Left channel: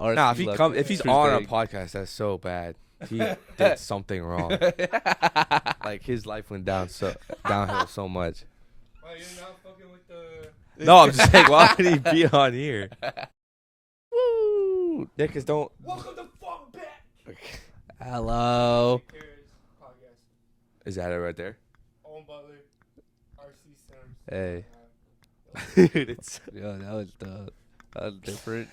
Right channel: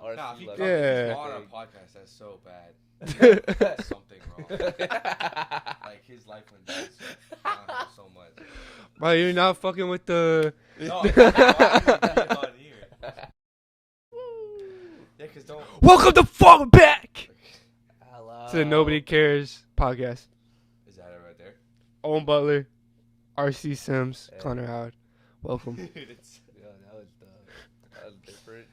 Nah, if he's on our podcast, that's so bad. We did something wrong. Like his life went downhill so much. Bro, you're not fucking with the. No, I'm saying why would he be on here? Woo! Yeah, cause don't. Welcome to Fall Back. Hello. To the Nobody Cares podcast. Is that it right there? Owen Butler, R.C. Sims, Hey. Connor Howard. Welcome. Dude, it's Yo, that was different.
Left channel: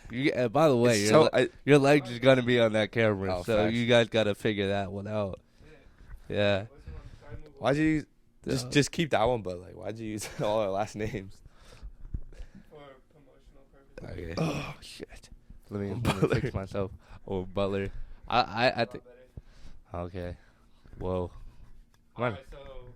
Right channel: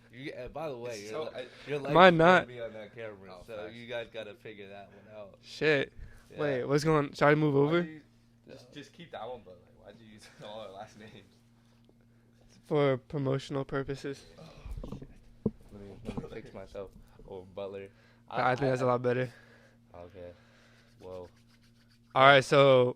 By the way, so. your leg Why is gonna not? be on that camera, Oh, so facts. you guys gotta figure that one out. Shit. Yeah. Wait, what's going on? Should I move Why'd over? you just keep that one? But like, why'd you use all our last names? For promotional purposes. Okay. Oh shit. Let me Butler. fix myself. Oh, Butler. I think that's a lot better. Okay. Whoa. All right, so,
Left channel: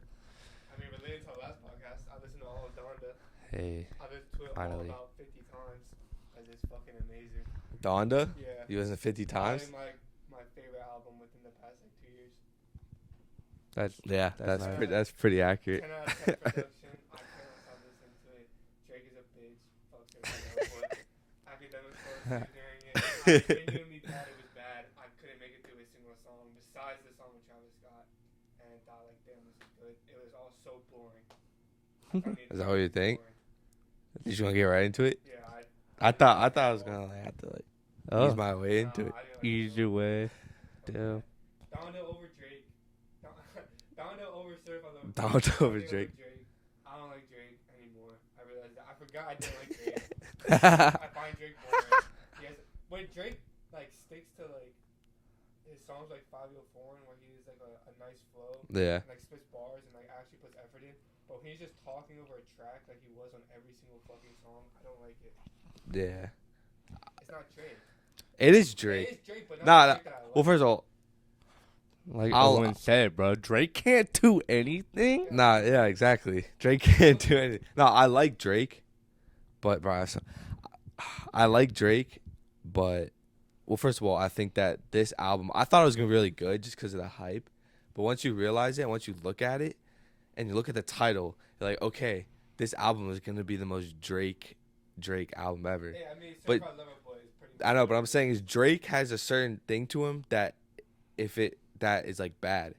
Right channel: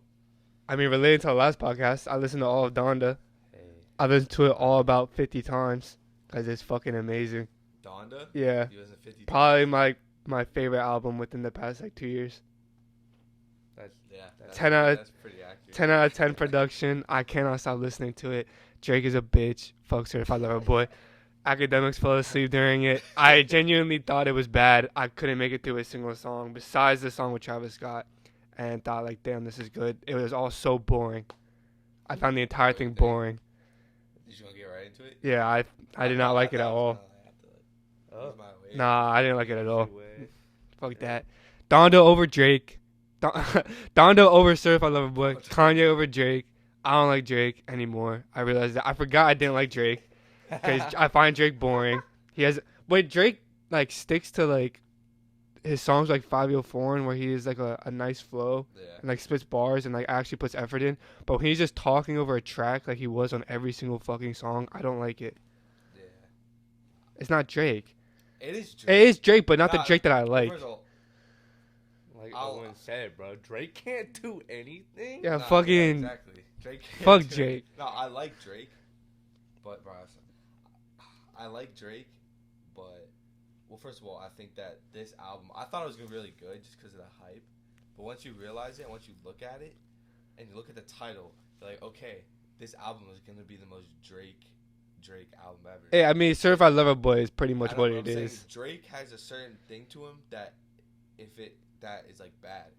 I mean, related to the last podcast, I listened to all of Donda. Hey. I listened to it all Alright. about 50 times because it's fucking amazing. Donda? Yeah. You wasn't 50 Probably times? my favorite album within the past, 2 years. That's Yeah, that's 10 out of- that's pretty accurate. 10 out of 10 production. I cannot stop listening to it. Drake is a bitch. Fuck Certified Lover Boy. Academics fell asleep during it. I genuinely thought it was bad. I couldn't make it through a single song besides the song with Travis Scott, and thought like, damn, this is good. It was all so boring. I found the entire What do you thing think? boring. Did you want to get right into it? Yeah, I did not like it I at thought I was all. gonna have to like oh. ease my way. Nah, into I didn't like it at Use all. your way. Fuck Yeah. that. Donda over Drake. Donda over Certified Lover Boy. Donda Kanye over over Drake. I don't like Drake anymore. I realized that. I forgot I didn't like Drake. I find Drake boring. Drake like sticks to like his songs like 504 and where he is like a nice flow Yeah. and like spits bars and like actually puts effort in. But when he's just talking over a track like he was on every single fucking song, I don't like it. Yeah. It's not Drake. It is Drake. It is Drake, but not Nah, the Drake that I Well, like. first of all, Like I'll- Owen said, bro, Drake can't do anything. Yeah, yeah, fucking- exactly. Drake can't Fuck do Drake. it. No, I like Drake, but bro, I like Drake, but well, first of all, I think that this album, I thought it was gonna be really good just because of the hype, but once you realize it, once you look at it, and you look at the title, you're like, okay, this album is gonna be the most Drake album ever. Yeah, I mean, Certified Lover Boy is pretty much I know, what but it I'm saying is. is Drake has a certain thing to him that that is like bad.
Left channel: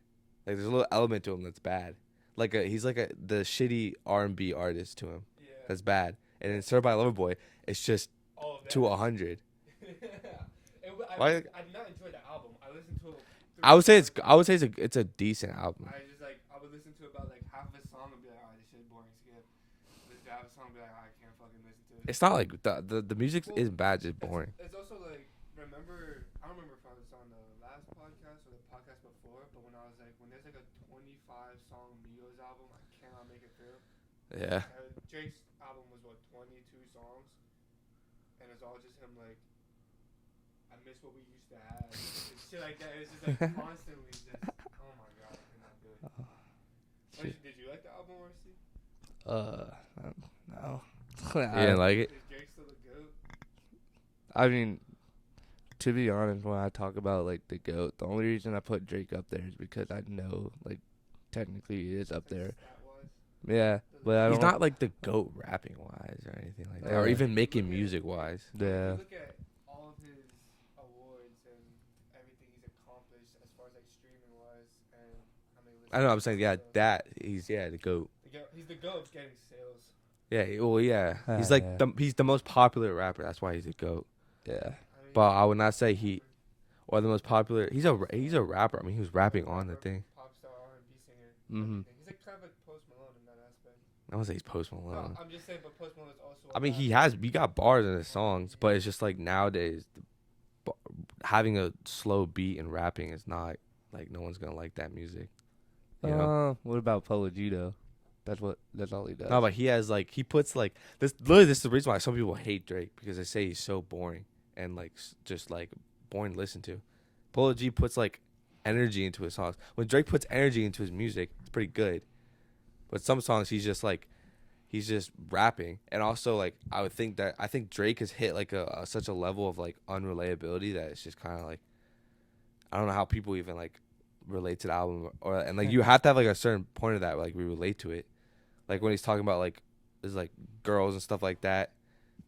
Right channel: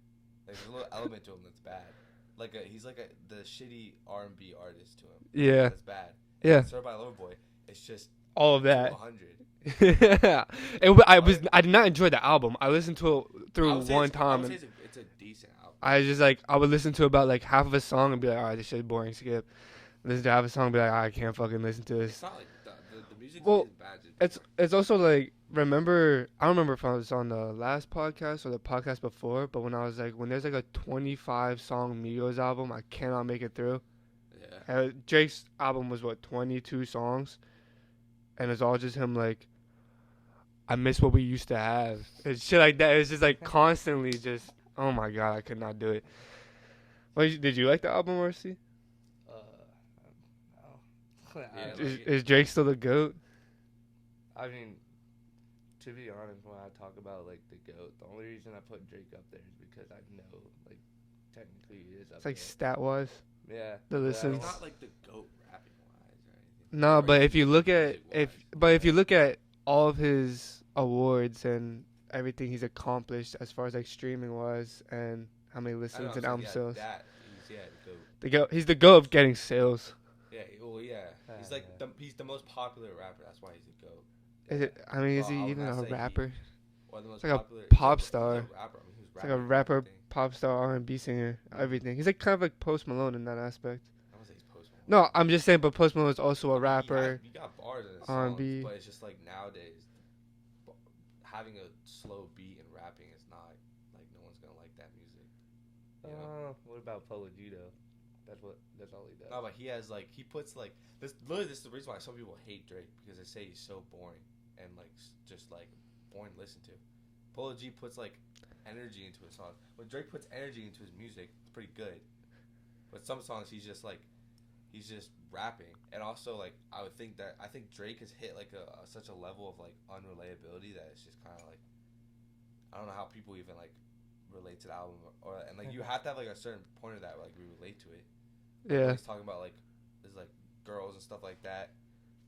Like there's a little element to him that's bad. Like he's like the shitty R&B artist to him. Yeah, That's bad. And Yeah. then Certified Lover Boy, it's just all of to that. 100. Yeah, I did not enjoy the album. I listened to it through I would say one time. I would say it's a decent album. I just like I would listen to about like half of a song and be like, all right, this shit's boring. Skip. Listen to half a song and be like, I can't fucking listen to this. It's not like the music Well, isn't bad, just It's boring. it's also like I don't remember if I was on the last podcast or the podcast before, but when I was like when there's like a 25 song Migos album, I cannot make it through. Yeah. Drake's album was what 22 songs, and it's all just him like, I miss what we used to have. It's shit like that. It's just like constantly just. Oh my god, I could not do it. Did you like the album, Marcy? No. You didn't like it? Is Drake still the GOAT? I mean, to be honest, when I talk about like the GOAT, the only reason I put Drake up there is because I know like technically he is up It's like there. stat wise. Yeah, the but I listen- don't He's not like the GOAT rapping wise or anything like No, that. or but even if you look making at music-wise. if you Yeah. look at all of his awards and everything he's accomplished as far as like streaming wise and how many listens I know what I'm and saying, yeah, album sales, that he's the GOAT. he's the GOAT of getting sales. Yeah, he's like Yeah. he's the most popular rapper. That's why he's a GOAT. Yeah. I mean, But is he I would even not a say he- rapper? Or the most Like a popular. pop He's star. a rapper. I mean, he was Like rapping a rapper, on the thing. pop star, R&B singer, Mhm. everything. He's like kind of like Post Malone in that aspect. I don't say he's Post Malone. No, I'm just saying, but Post Malone is also a I mean, rapper. he got bars in his songs, R&B. but it's just like nowadays, having a slow beat and rapping is not like no one's gonna like that music. You know? What about Polo Gito? That's all he does. No, but he has like he puts like this. Literally, this is the reason why some people hate Drake because they say he's so boring and like just like boring to listen to. Polo G puts like energy into his songs. When Drake puts energy into his music, it's pretty good. But some songs he's just rapping, and also like I think Drake has hit like such a level of like unrelatability that it's just kind of like I don't know how people even like relate to the album and like you have to have like a certain point of that like we relate to it. Like when he's talking about like there's like girls and stuff like that,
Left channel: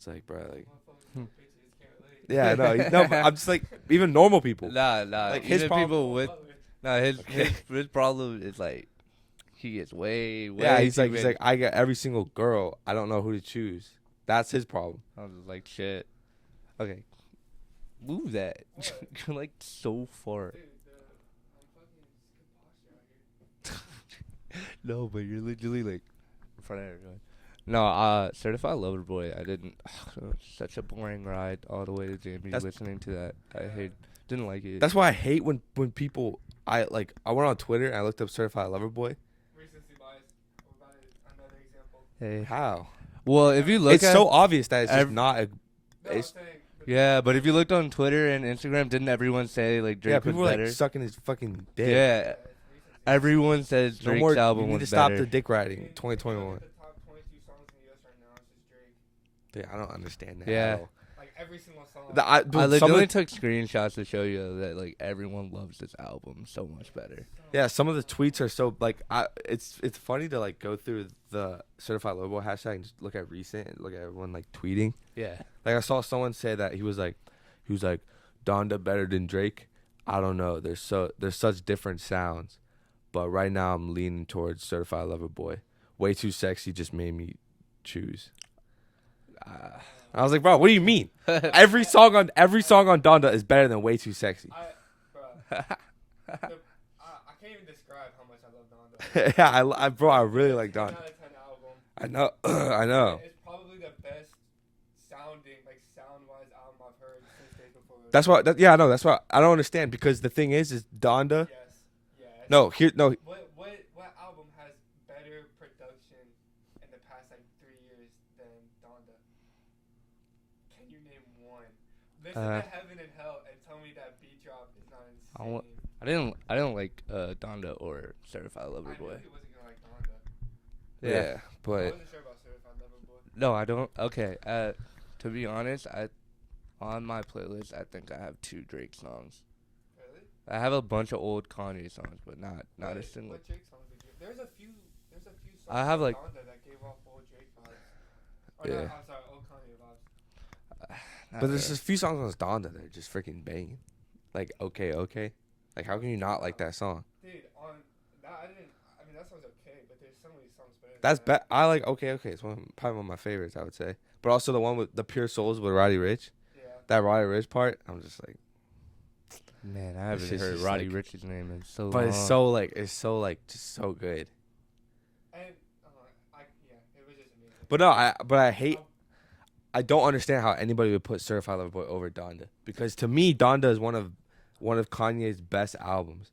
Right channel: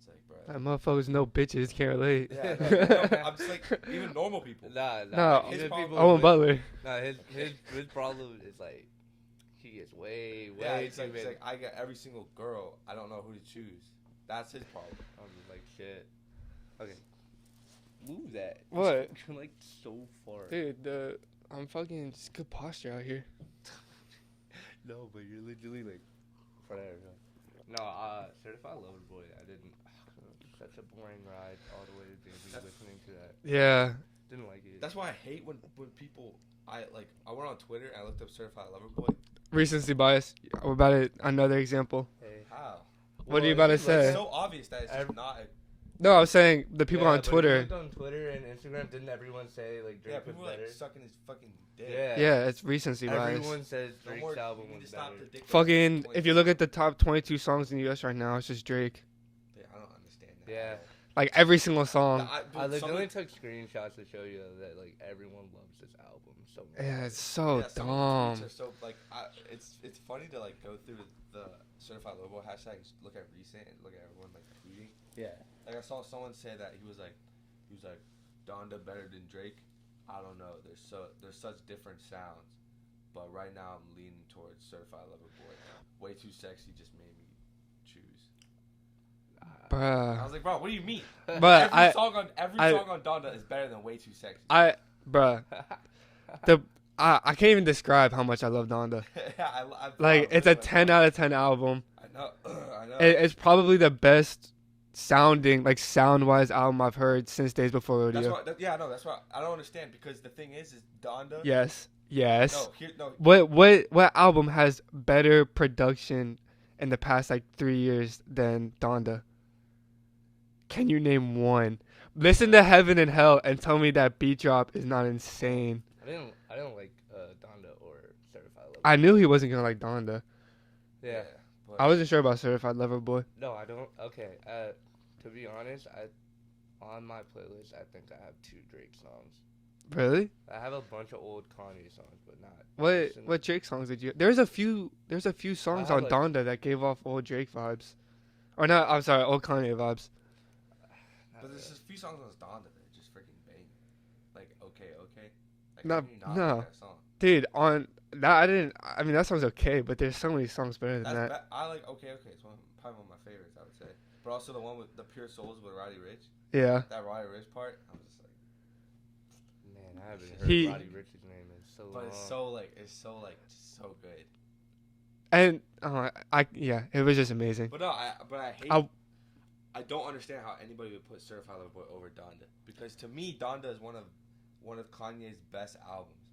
It's like, bro. That motherfuckers know bitches can't relate. Yeah, no, no, but I'm just like even normal people. Nah, No, his even problem- people Oh, with- Butler. Nah, his problem is like he gets way. Yeah, he's too like many- I get every single girl. I don't know who to choose. That's his problem. I'm like shit. Okay, move that. What? You're like so far. Dude, I'm fucking just good posture out here. No, but you're literally like in front of everyone. No, Certified Lover Boy. I didn't. Such a boring ride all the way to JB That's- listening to that. Yeah. Didn't like it. That's why I hate when people. I went on Twitter and I looked up Certified Lover Boy. Recency bias. What about it? Another example. Hey. How? Well, you if about you to look It's at so obvious that it's just not a. No, I was saying the people yeah, on but Twitter. if you looked on Twitter and Instagram, didn't everyone say like Drake Yeah, was people were better? like sucking his fucking dick. Yeah. yeah, it's recency bias. Everyone says No Drake's more. album You need to was stop better. the dick riding. Fucking, if you look at the top 22 songs in the U.S. right now, it's just Drake. Yeah, I don't understand that. Yeah. at all. Like every single song. Dude, I some of literally the- took screenshots to show you that like everyone loves this album so much yeah, better. it's so. yeah, some of the tweets dumb. are so like it's funny to like go through the Certified Lover Boy hashtag and just look at recent and look at everyone like tweeting. Yeah. Like I saw someone say that he was like Donda better than Drake. I don't know. There's such different sounds, but right now I'm leaning towards Certified Lover Boy. Way Too Sexy just made me choose. Bruh. I was like, bro, what do you mean? But every I- song on I- Donda is better than Way Too Sexy. Bruh. I can't even describe how much I love Donda. Yeah, bro, I Like, really it's a like 10 Donda. out of 10 album. I know, I know. It's probably the best sounding, like sound-wise album I've heard since Days Before Rodeo. That's why. Yeah, no, that's why I don't understand because the thing is Donda. Yes. Yes. No, What album has better production in the past like 3 years than Donda? Can you name one? Listen to Heaven and Hell and tell me that beat drop is not insane. I didn't like Donda or Certified Lover. I knew he wasn't gonna like Donda. Yeah, but I wasn't sure about Certified Lover Boy. No, I don't. Okay. To be honest, on my playlist, I think I have 2 Drake songs. Really? I have a bunch of old Kanye songs, but not. a single- What Drake songs did you? There's a few songs have, on like- Donda that gave off old Drake vibes, or Yeah. not? I'm sorry, old Kanye vibes. not But there's really. a few songs on Donda that are just freaking banging. Like okay. Like how No, can you not no. like that song? Dude, on that I didn't. I mean that song's okay, but there's so many songs better than That's that. I like okay. It's probably one of my favorites. I would say, but also the one with the Pure Souls with Roddy Ricch. Yeah. That Roddy Ricch part, I'm just like, Man, I haven't just- heard He- Roddy Rich's name in so long. but it's so like just so good. And it was just amazing. But no, I hate. I- I don't understand how anybody would put Certified Lover Boy over Donda because to me Donda is one of Kanye's best albums,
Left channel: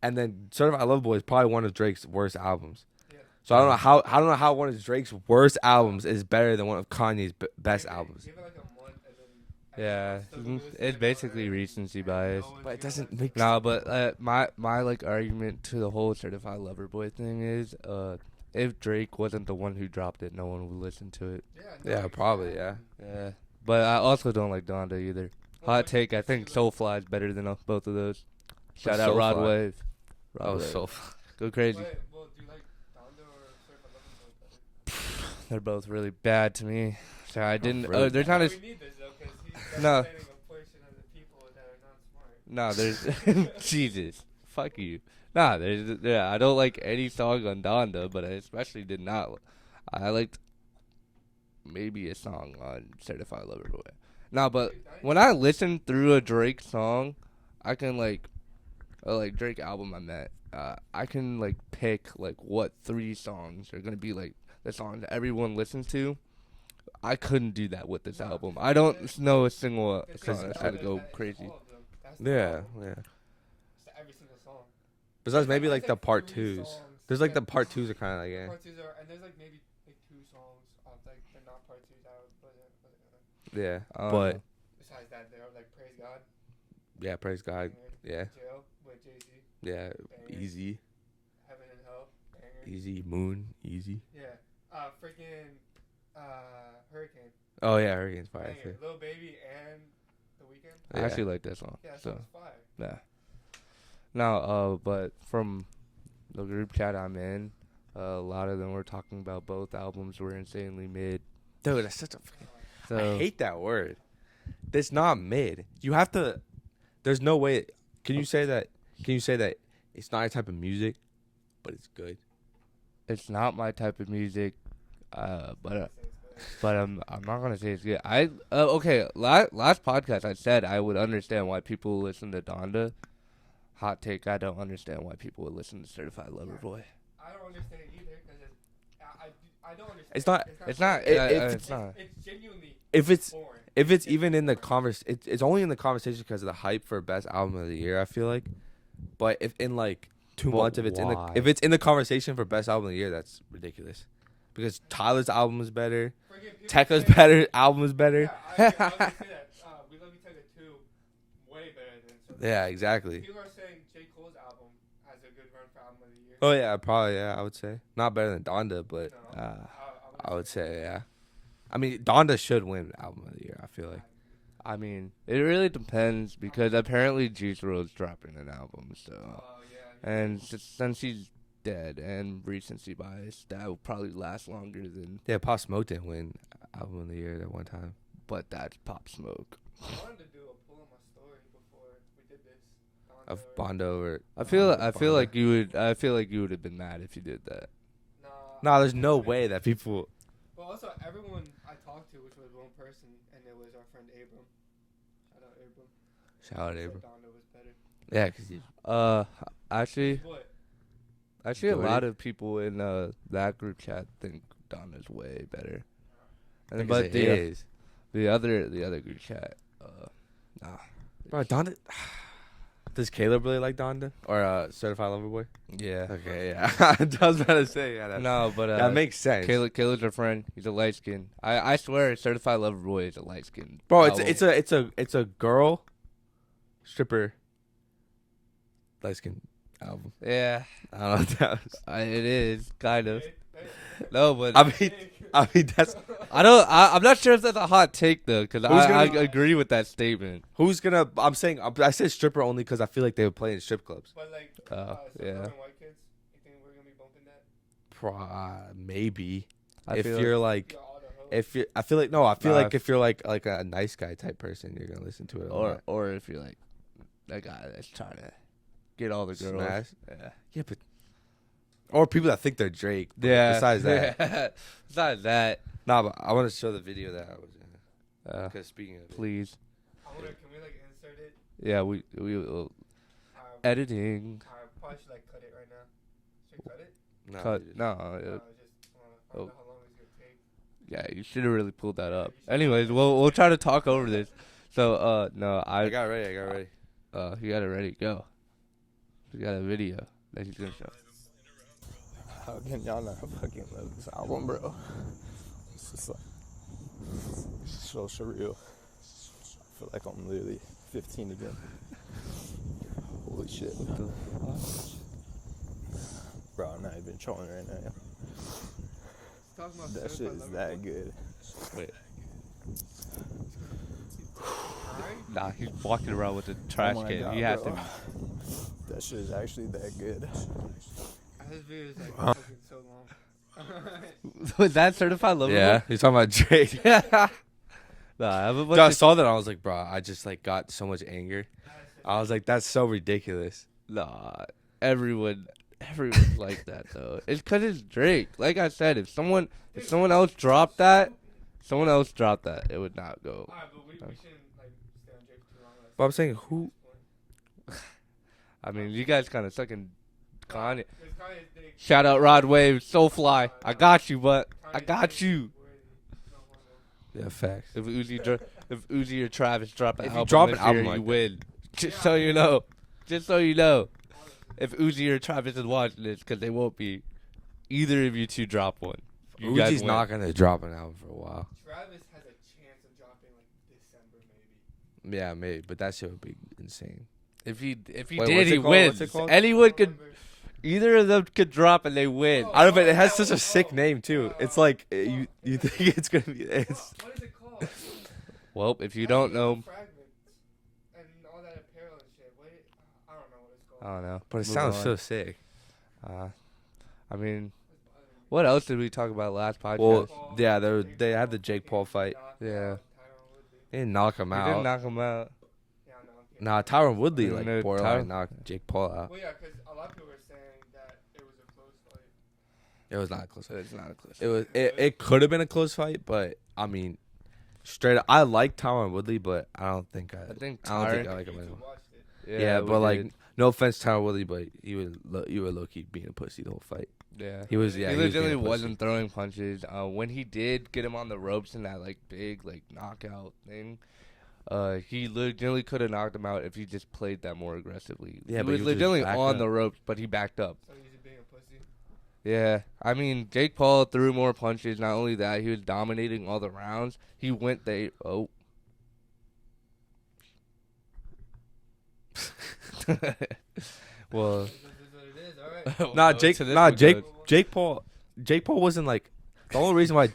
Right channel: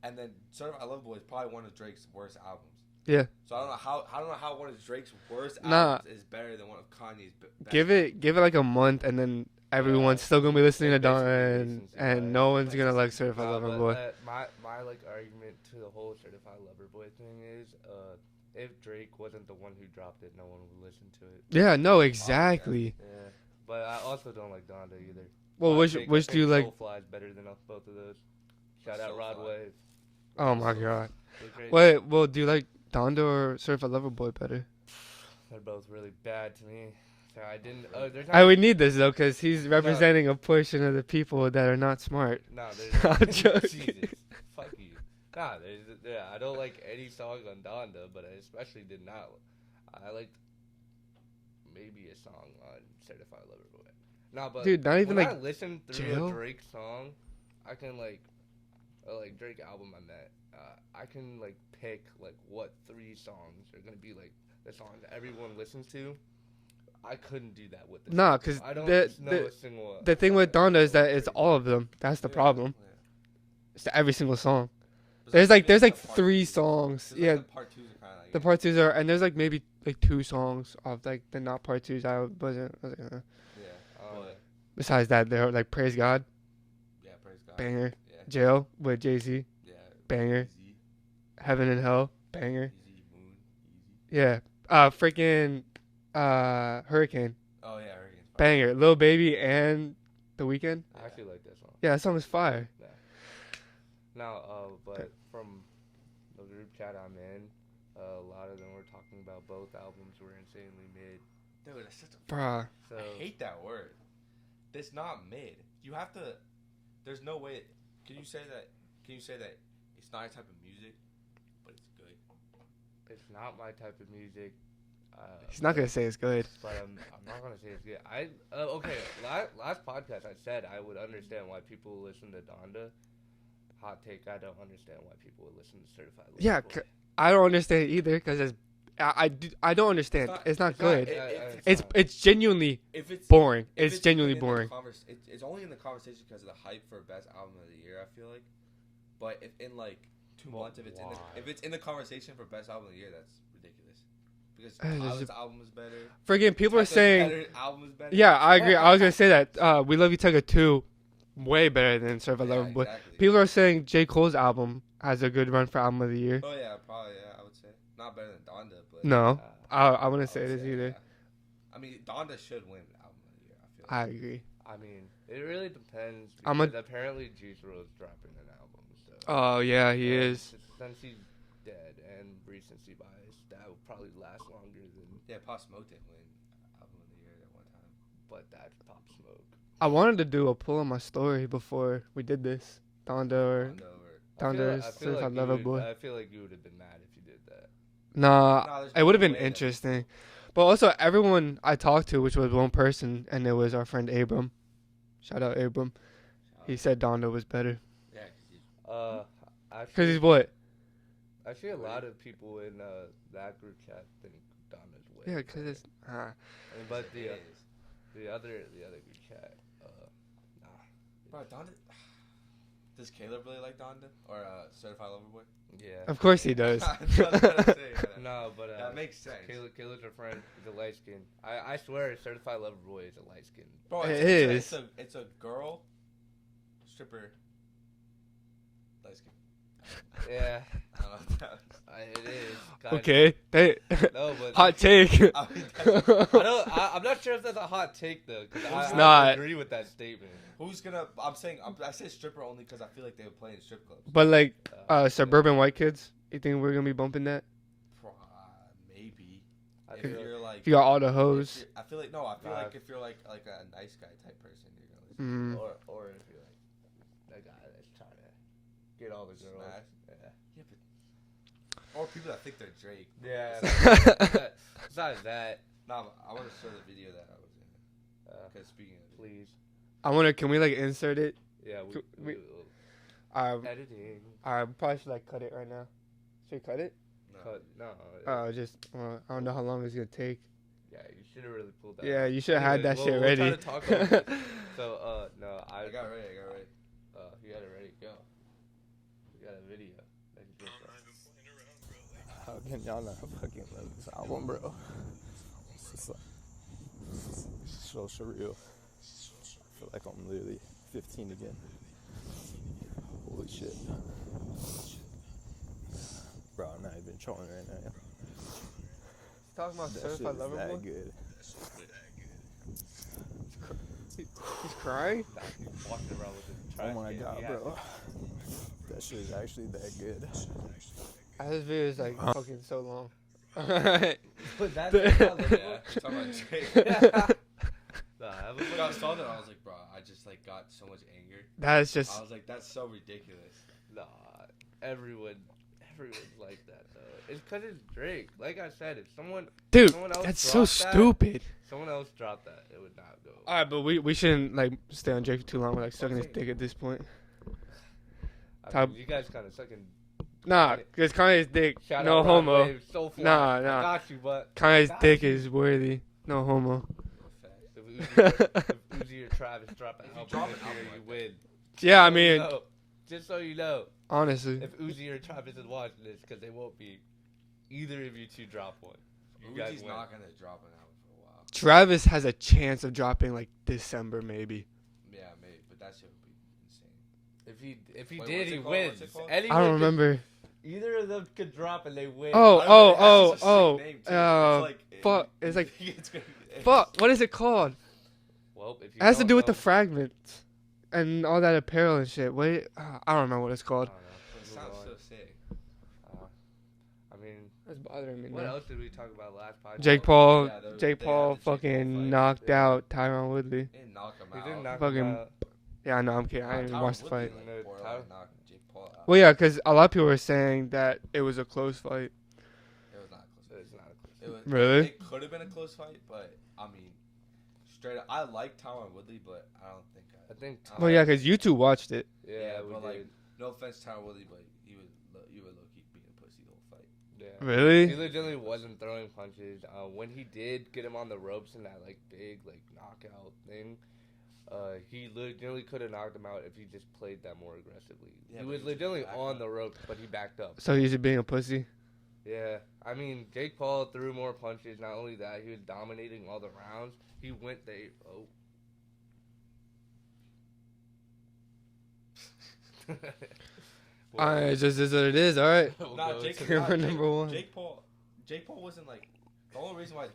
and then Certified Lover Boy is probably one of Drake's worst albums. Yeah. So I don't know how one of Drake's worst albums is better than one of Kanye's best albums. Give it like a month, and then everyone's Yeah. still gonna be listening It's to basically Donda, recency and bias. no one's But it gonna like doesn't- Certified No, Lover Boy. but my like argument to the whole Certified Lover Boy thing is, if Drake wasn't the one who dropped it, no one would listen to it. Yeah. No. Yeah, probably, yeah. Exactly. Yeah, but I also don't like Donda either. Well, Hot which take, which I do you think like? Soulfly is better than both of those. Shout What's out Rod Soulfly? Wave. Oh Rod my Soul. god. Go crazy. Wait. Well, do you like Donda or Certified Lover Boy better? They're both really bad to me. So I didn't. really? They're I trying would need this though, cause he's representing a portion of the people that are not smart. No, there's I'm joking. Jesus. Fuck you. Nah, I don't like any song on Donda, but I especially did not. I liked maybe a song on Certified Lover Boy. Nah, but Dude, not even when like I listen through a Jail? Drake song, I can like Drake album I met. I can like pick like what 3 songs are gonna be like the songs that everyone listens to. I couldn't do that with this Nah, album. 'cause I don't know the- a single. The thing song with that's gonna Donda is go that it's crazy. all of them. That's the Yeah, problem. Yeah. It's every single song. Besides There's maybe, like the part 3 twos. songs. There's Yeah, like the part twos are kind of like the part twos are, and there's like maybe like 2 songs of like the not part twos. I was like, yeah, Uh, but Besides that, they're like Praise God, yeah, praise God. banger. Yeah, Jail with Jay-Z, yeah, banger. Easy, Heaven and Hell, banger. easy, Moon, easy. Yeah. Freaking Hurricane, Oh yeah, Hurricane's fire. banger. Lil Baby and The Weeknd. I Yeah. actually like that song. Yeah, that song was fire. Nah. Now, but from the group chat I'm in, a lot of them were talking about both albums were insanely mid. Dude, that's such a. Bruh. So I hate that word. It's not mid. You have to. There's no way. Can you say that? Can you say that it's not your type of music, but it's good? it's not my type of music. He's not gonna say it's good. But I'm not gonna say it's good. Okay. Last podcast I said I would understand why people listen to Donda. Hot take. I don't understand why people would listen to Certified Lover Yeah, Boy. I don't understand either because I don't understand. It's not good. It's genuinely If it's boring. if it's even genuinely in boring. the it's only in the conversation because of the hype for best album of the year. I feel like, but if in like 2 But months, why? if it's in the conversation for best album of the year, that's ridiculous. Because Uh, Tyler's album is better. Friggin' people are Tekka's saying. better. Album is better. Yeah, I agree. I was gonna say that. We Love You Tekka 2, way better than Survival. Yeah, exactly. People are saying J. Cole's album has a good run for album of the year. Oh yeah, probably yeah. I would say not better than Donda, but No, Uh, I wouldn't I say would it say either. yeah. I mean, Donda should win album of the year. I feel I like. agree. I mean, it really depends I'm because apparently Juice WRLD's dropping an album. So Oh yeah, he and is. since he's dead and recency bias, that will probably last longer than. Yeah, Pop Smoke didn't win album of the year that one time. But that's Pop Smoke. I wanted to do a pull on my story before we did this. Donda or Donda over. I Donda feel is I feel fine. like you Lover would Boy. I feel like you would have been mad if you did that. Nah, No, there's it no would have been way that interesting. people. But also, everyone I talked to, which was one person, and it was our friend Abram. Shout out Abram. Shout He out said Donda was better. yeah, because he. Cause Actually, he's what? actually, a Good. lot of people in that group chat think Donna's way Yeah, cause better. it's, But it the is. the other group chat, nah. Bro, Donda. Does Caleb really like Donda or Certified Lover Boy? Yeah. Of course he yeah. does. I was gonna say yeah. No, but That makes sense. Caleb's our friend. He's a light skin. I swear, Certified Lover Boy is a light skin. Bro, it's a girl stripper light skin album. Yeah, I don't know what that was. it is. Kind okay. They, No, but hot take. I mean that's I'm not sure if that's a hot take though, because Who's I gonna- agree with that statement. who's gonna. I'm saying I said stripper only because I feel like they would play in strip clubs. But like Yeah. suburban white kids, you think we're gonna be bumping that? Maybe I if feel you're like You got all the if hoes. you're, I feel like no, I feel Nah, like if you're like a nice guy type person, you're gonna listen to Mm. it. or if you're like that guy that's trying to get all the girls. Smash? Yeah. Yeah, but or people that think they're Drake. but Yeah. Besides that, Besides that, nah, but I want to show the video that I was in. Because speaking of it, please. Can we like insert it? Yeah, we We- will I editing. probably should like cut it right now. Should we cut it? no, Cut. just- No. I don't know how long it's gonna take. Yeah, you should have really pulled that Yeah, up. you should have Anyways, had that we'll shit we'll try ready. to talk over this. So no, I got ready. I got ready. you got it ready. Go. We got a video that he's gonna show. How can y'all not fucking love this album, bro? It's just like, it's so surreal. I feel like I'm literally 15 again. Holy shit. Bro, I'm not even trolling right now. Talking about That shit is that good. Crying? Nah, he's walking around with a trash Oh my can. god, He has bro. to. That shit is actually that good. This video is like fucking so long. Was that certified lover? Yeah, you're talking about Drake. Nah, I have a Dude, bunch I of, saw that. I was like, bro, I just like got so much anger. That's just I was like, that's so ridiculous. nah, everyone's like that though. It's because it's Drake. Like I said, if someone dude. else That's so dropped that, stupid. someone else dropped that, it would not go. All right, but we shouldn't like stay on Drake for too long. We're, like, Well, I'm sucking his saying dick who- at this point. I Top- mean, you guys kind of sucking. Nah, Kanye. because Kanye's dick. Shout no out Rod homo. Wave, so fly. Nah, nah. I got you, but Kanye's got dick you. is worthy. No homo. Yeah, facts. if Uzi or Travis drop an If you album, drop this an album year, like you that. win. Yeah, I So you mean, know. Just so you know, honestly. if Uzi or Travis is watching this, because they won't be, either of you two drop one. You guys Uzi's win. not gonna drop an album for a while. Travis has a chance of dropping like December maybe. Yeah, maybe, but that shit would be insane. If he Wait, did, what's he it called? wins. What's it called? I Anyone don't could. remember. Either of them could drop and they win. Oh, I don't know. It has oh, such a sick oh, name too. uh, It's like fuck, you it's like- think it's gonna be. Fuck, what is it called? Well, if you It has don't to do with know, the fragments and all that apparel and shit. Wait, I don't know what it's I called. don't know. But it Move sounds on. so sick. I I mean, That's bothering me. what now. else did we talk about last podcast? Well, Jake Paul. Yeah, Jake they Paul have the Jake Paul fucking fight. knocked Yeah. out Tyron Woodley. They didn't knock him He out. didn't knock him Fucking- out. Yeah, I know. I'm kidding. Nah, I didn't watch Tyron the Woodley fight. like No, borderline knocked Jake Paul out. Well, yeah, because a lot of people were saying that it was a close fight. It was not a close. It's not a close. It was. Really? It could have been a close fight, but I mean, straight up, I like Tyron Woodley, but I don't think I think. I Oh don't yeah, like because you him. two watched it. Yeah, we but like, did. no offense, to Tyron Woodley, but you were low key being a pussy the whole fight. Yeah. Really? He Yeah, he was being a legitimately pussy. wasn't throwing punches. When he did get him on the ropes in that like big like knockout thing, he legitimately could have knocked him out if he just played that more aggressively. Yeah, he but was he was just legitimately backed on up. the ropes, but he backed up. So he's just being a pussy. Yeah, I mean Jake Paul threw more punches. Not only that, he was dominating all the rounds. He went well, It just is what it is. All right. Nah, to Jake. the Nah, different Jake. note. Jake Paul wasn't like the only reason why.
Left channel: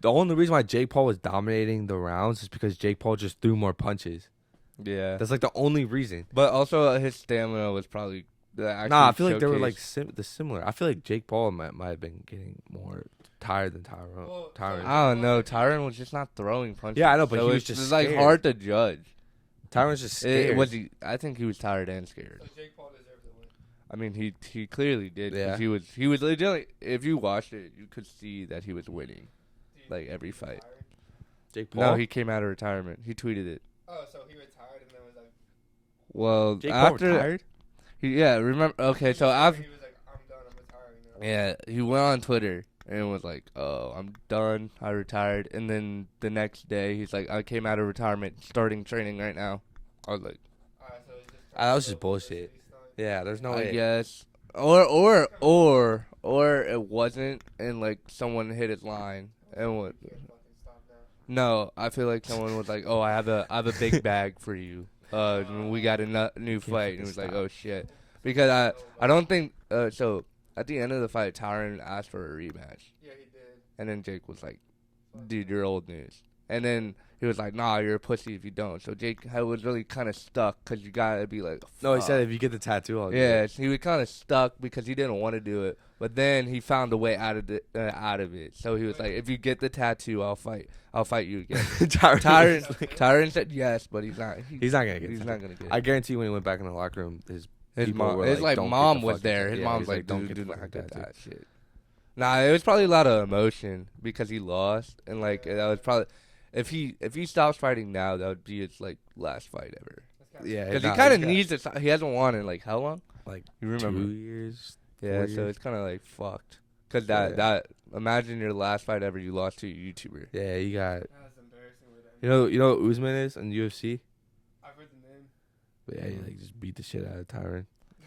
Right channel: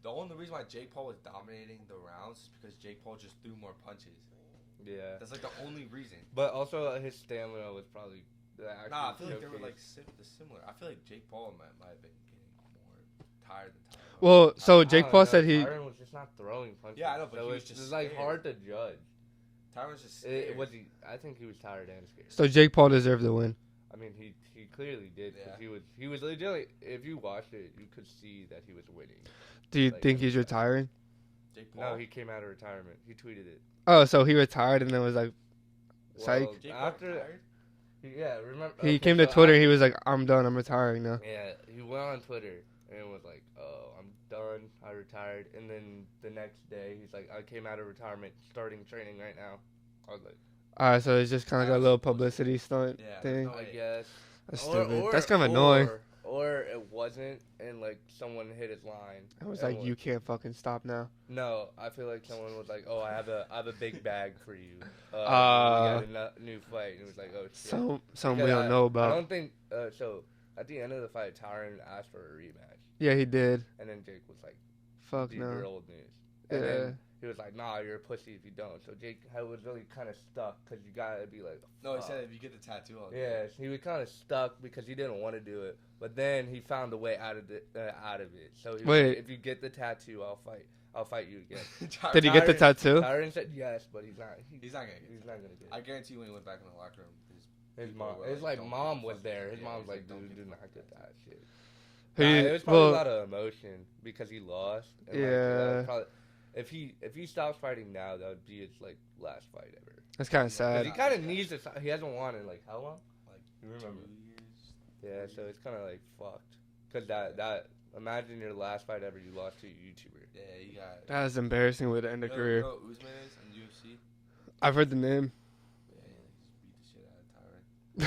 The only reason why Jake Paul was dominating the rounds is because Jake Paul just threw more punches. Yeah, That's like the only reason. but also his stamina was probably. Nah, I feel like they were like similar. I feel like Jake Paul might have been getting more tired than Tyron. Well, so Tyron. Jake Paul said he- Tyron was just not throwing punches. Yeah, I know, but so he was it's just like scared. hard to judge. Tyron's just scared. Was he? I think he was tired and scared. So Jake Paul deserved the win. I mean, he clearly did. 'Cause Yeah. he was legitimately. If you watched it, you could see that he was winning. Do you Like think every he's fight. retiring? Jake Paul. No, he came out of retirement. He tweeted it. Oh, so he retired and then was like, Well, Jake Paul after retired. remember. he Okay, came to so Twitter. He was like, I'm done. I'm retiring now. yeah, he went on Twitter and was like, "Oh, I'm done. I retired." And then the next day, he's like, "I came out of retirement, starting training right now." I was like, All right, so it's just kind That of a was little just bullshit. publicity stunt. Yeah, there's thing. no I way. guess. That's Or stupid. That's kinda annoying. or it wasn't, and like someone hit his line. I was and like, wa- you can't fucking stop now. No, I feel like someone was like, "Oh, I have a big bag for you. We got a new fight." And it was like, "Oh shit." Something we Because don't know about. I don't think so. At the end of the fight, Tyron asked for a rematch, Yeah, he did. and then Jake was like, Fuck "Dude, no. you're old news." And Yeah. then he was like, "Nah, you're a pussy if you don't." So Jake was really kind of stuck because you gotta be like, No, he "Fuck." said if you get the tattoo, I'll do Yeah, it. so he was kind of stuck because he didn't want to do it, but then he found a way out of it. So he was Wait. like, "If you get the tattoo, I'll fight you again." Tyron, Did he get the tattoo? Tyron said yes, but he's not. He's not gonna get. He's the not tattoo. gonna get. I guarantee you when he went back in the locker room, his people mom, were his like, "Don't get mom the was fucking there. tattoo." His Yeah, mom's he's like, "Don't "Dude, get do the not fucking get tattoo." that shit." Nah, it was probably well- a lot of emotion because he lost, and like that Yeah. was probably if he stops fighting now, that would be his like last fight ever. That's kind of Yeah, sad. Because nah, he kind of he's needs to. He hasn't won in like how long? Like You remember? 2 years. Yeah, 4 so years. it's kind of like fucked. Cause Yeah. that imagine your last fight ever you lost to a YouTuber. Yeah, you got. That was embarrassing with the end You know what Usman is in UFC? I've heard the name. But yeah, he like just beat the shit out of Tyron.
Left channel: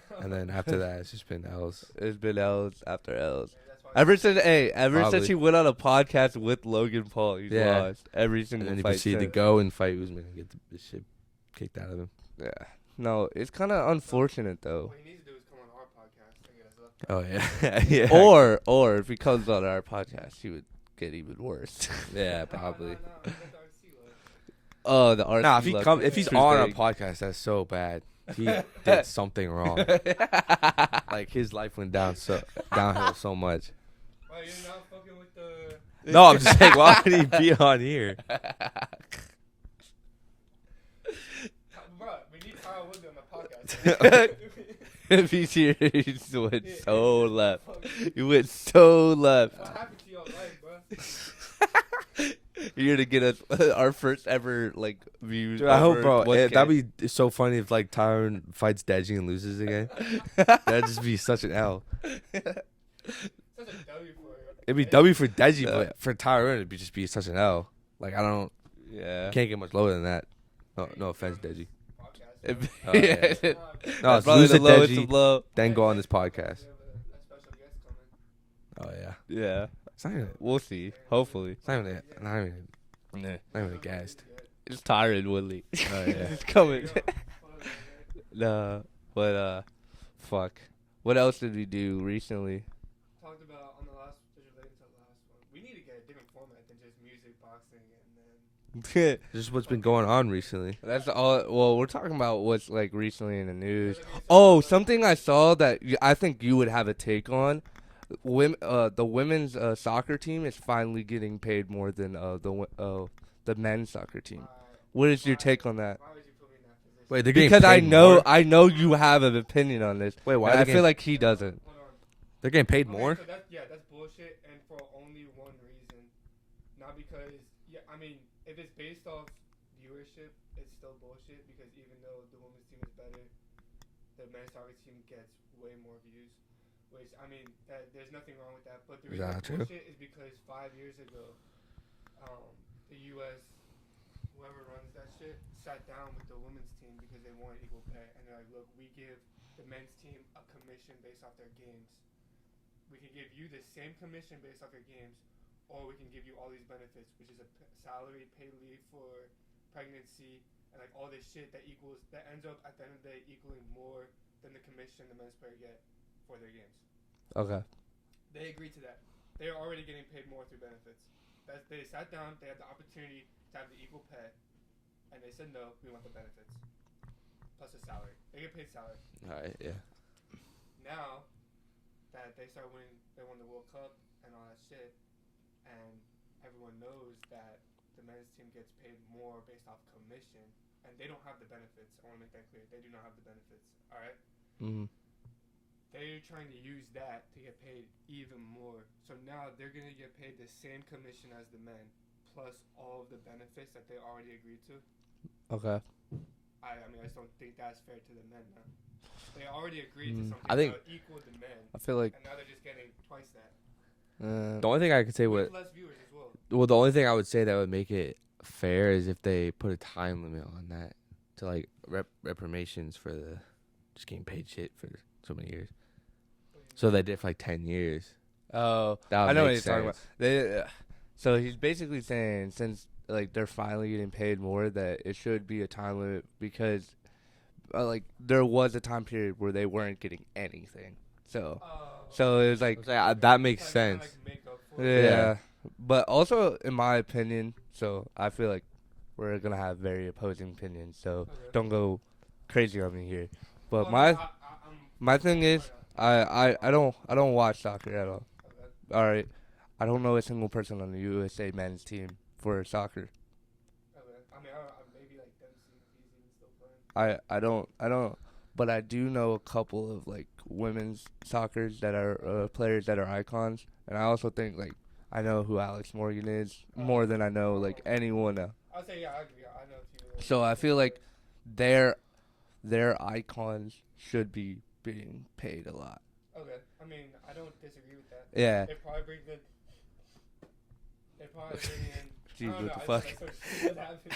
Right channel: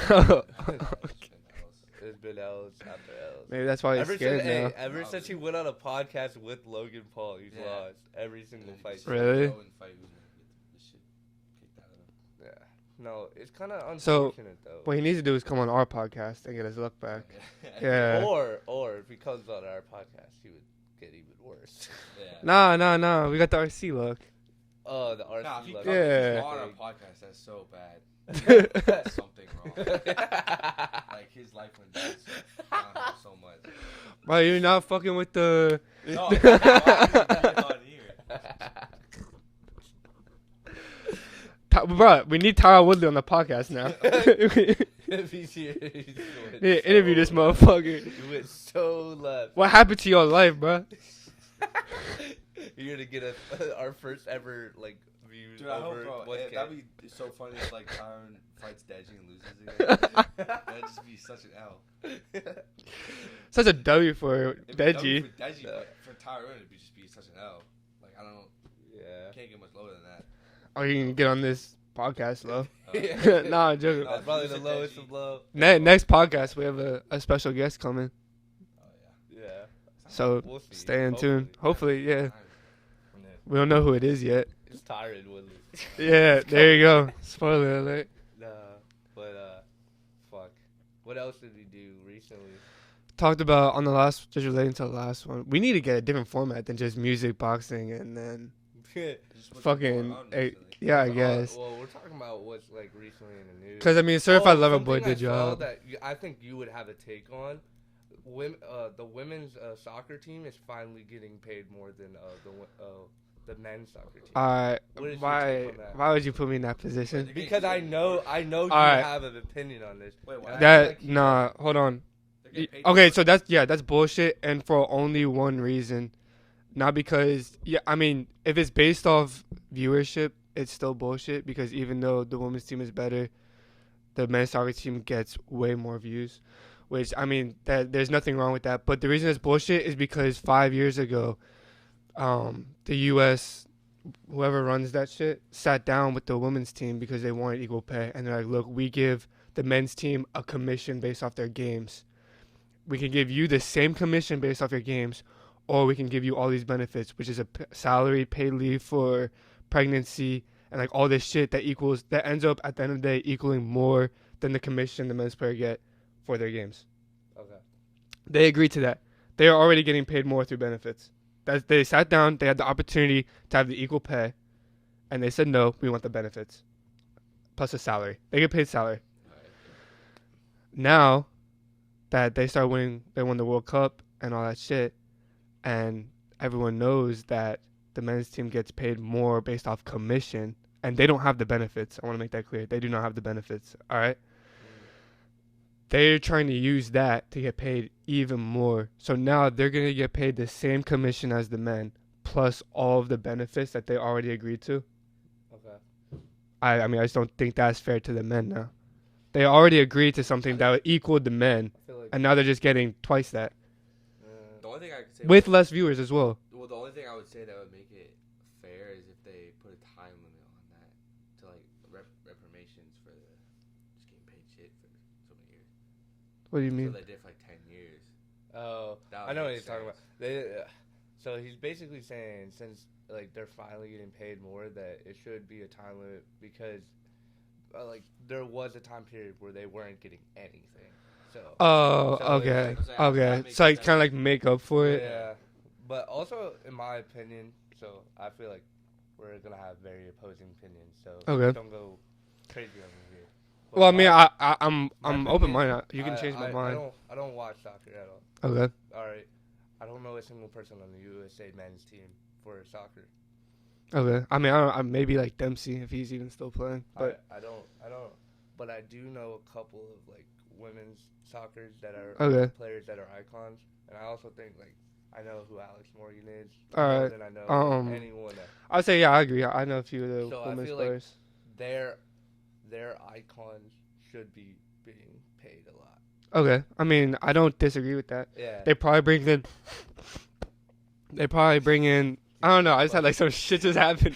And then after that, it's just been L's. It's been L's after L's. Maybe that's why. He's Ever scared since now. ever Probably. since he went on a podcast with Logan Paul, he's Yeah. lost every And single then he fight. proceeded Really? to go and fight Usman and get the shit kicked out of him. Yeah. No, it's kind of unfortunate though. What he needs to do is come on our podcast and get his luck back. Oh yeah. Yeah. Or if he comes on our podcast, he would get even worse. Yeah. Nah. We got the RC luck. Oh, the RC. Nah, if he's Yeah. on a big. podcast, that's so bad. He did something wrong. Like his life went downhill so much. Bro, you're not fucking with the. No, I'm saying why would he be on here? Bro, we need Tyron Woodley on the podcast now. If he's here, he's went Yeah, so interview this left. motherfucker. He went so left. What happened to your life, bro? You're gonna get our first ever like views. Dude, I hope, over bro. 1K. That'd be so funny if like Tyron fights Deji and loses again. That'd just be such an L. Such a W for. It'd be Deji. W for Deji, but for Tyron, it'd just be such an L. Like I don't, Yeah. can't get much lower than that. Or you No can get on offense, this podcast, though. Deji. Nah, I'm joking. No, That's probably lose the to lowest Deji. of low. Then go on Next this podcast, we have a special guest coming. Oh yeah. Yeah. It's not So We'll see. stay in Hopefully. tune. Hopefully, even- yeah. not even- Nah. We don't know who it is yet. It's Tyron Woodley. Yeah, It's there you coming. go. Spoiler alert. Nah, but fuck. What else did we do recently? Talked about on the last, just relating to the last one. We need to get a different format than just music, boxing, and then Just what's been fucking, going on hey, recently. yeah, I That's all- guess. well, we're talking about what's like recently in the news. Because I mean, Certified Lover something Boy I did saw job. that I think you would have a take on. the women's soccer team is finally getting paid more than the men's soccer team. What is your take on that? Why would you put me in that position? Wait, they're getting Because paid more? I know you Alright. have an opinion on this. Wait, why? I That- feel like he nah, doesn't. hold on. They're getting paid Okay, more? so that's bullshit, and for only one reason, not because I mean, if it's based off viewership, it's still bullshit because even though the women's team is better, the men's soccer team gets way more views, which I mean that there's nothing wrong with that. But the reason Yeah, it's true. bullshit is because 5 years ago, the U.S. whoever runs that shit sat down with the women's team because they wanted equal pay, and they're like, look, we give the men's team a commission based off their games. We can give you the same commission based off your games, or we can give you all these benefits, which is a salary, paid leave for pregnancy, and like all this shit that ends up at the end of the day equaling more than the commission the men's player get for their games. Okay. They agreed to that. They are already getting paid more through benefits. They sat down, they had the opportunity to have the equal pay, and they said no, we want the benefits plus a salary. They get paid salary. Alright, yeah. Now that they won the World Cup and all that shit, and everyone knows that the men's team gets paid more based off commission, and they don't have the benefits. I want to make that clear. They do not have the benefits. All right. Mm. They're trying to use that to get paid even more. So now they're going to get paid the same commission as the men, plus all of the benefits that they already agreed to. Okay. I mean, I just don't think that's fair to the men now. They already agreed to something I that think- equaled the men, I feel like and now they're just getting twice that. The only thing I could say With less viewers as well. well, the only thing I would say that would make it fair is if they put a time limit on that to like reparations for the just getting paid shit for so many years. What do you mean? So they did for like 10 years. oh, That would I know what make he's talking about. sense. So he's basically saying since like they're finally getting paid more that it should be a time limit because like there was a time period where they weren't getting anything. So Oh, So it's okay. like- So, yeah, Okay. that makes so, like, kind of sense. like make up for it. yeah. But also in my opinion, so I feel like we're gonna have very opposing opinions. So Okay. don't go crazy on me here. But Well, I mean, my- I'm my thing open is, minded. You can change your I mind. don't watch soccer at all. Okay. All right, I don't know a single person on the USA men's team for soccer. Okay. I mean, I maybe like Dempsey if he's even still playing. I don't, but I do know a couple of like women's soccers that are Okay. players that are icons, and I also think like I know who Alex Morgan is more Alright, than I know um, like anyone. I'd say yeah, I agree. I know a few of the. So I women's feel like players. their icons should be being paid a lot. Okay. I mean, I don't disagree with that. Yeah. They probably bring in. I don't know. I just had like some shit just happened.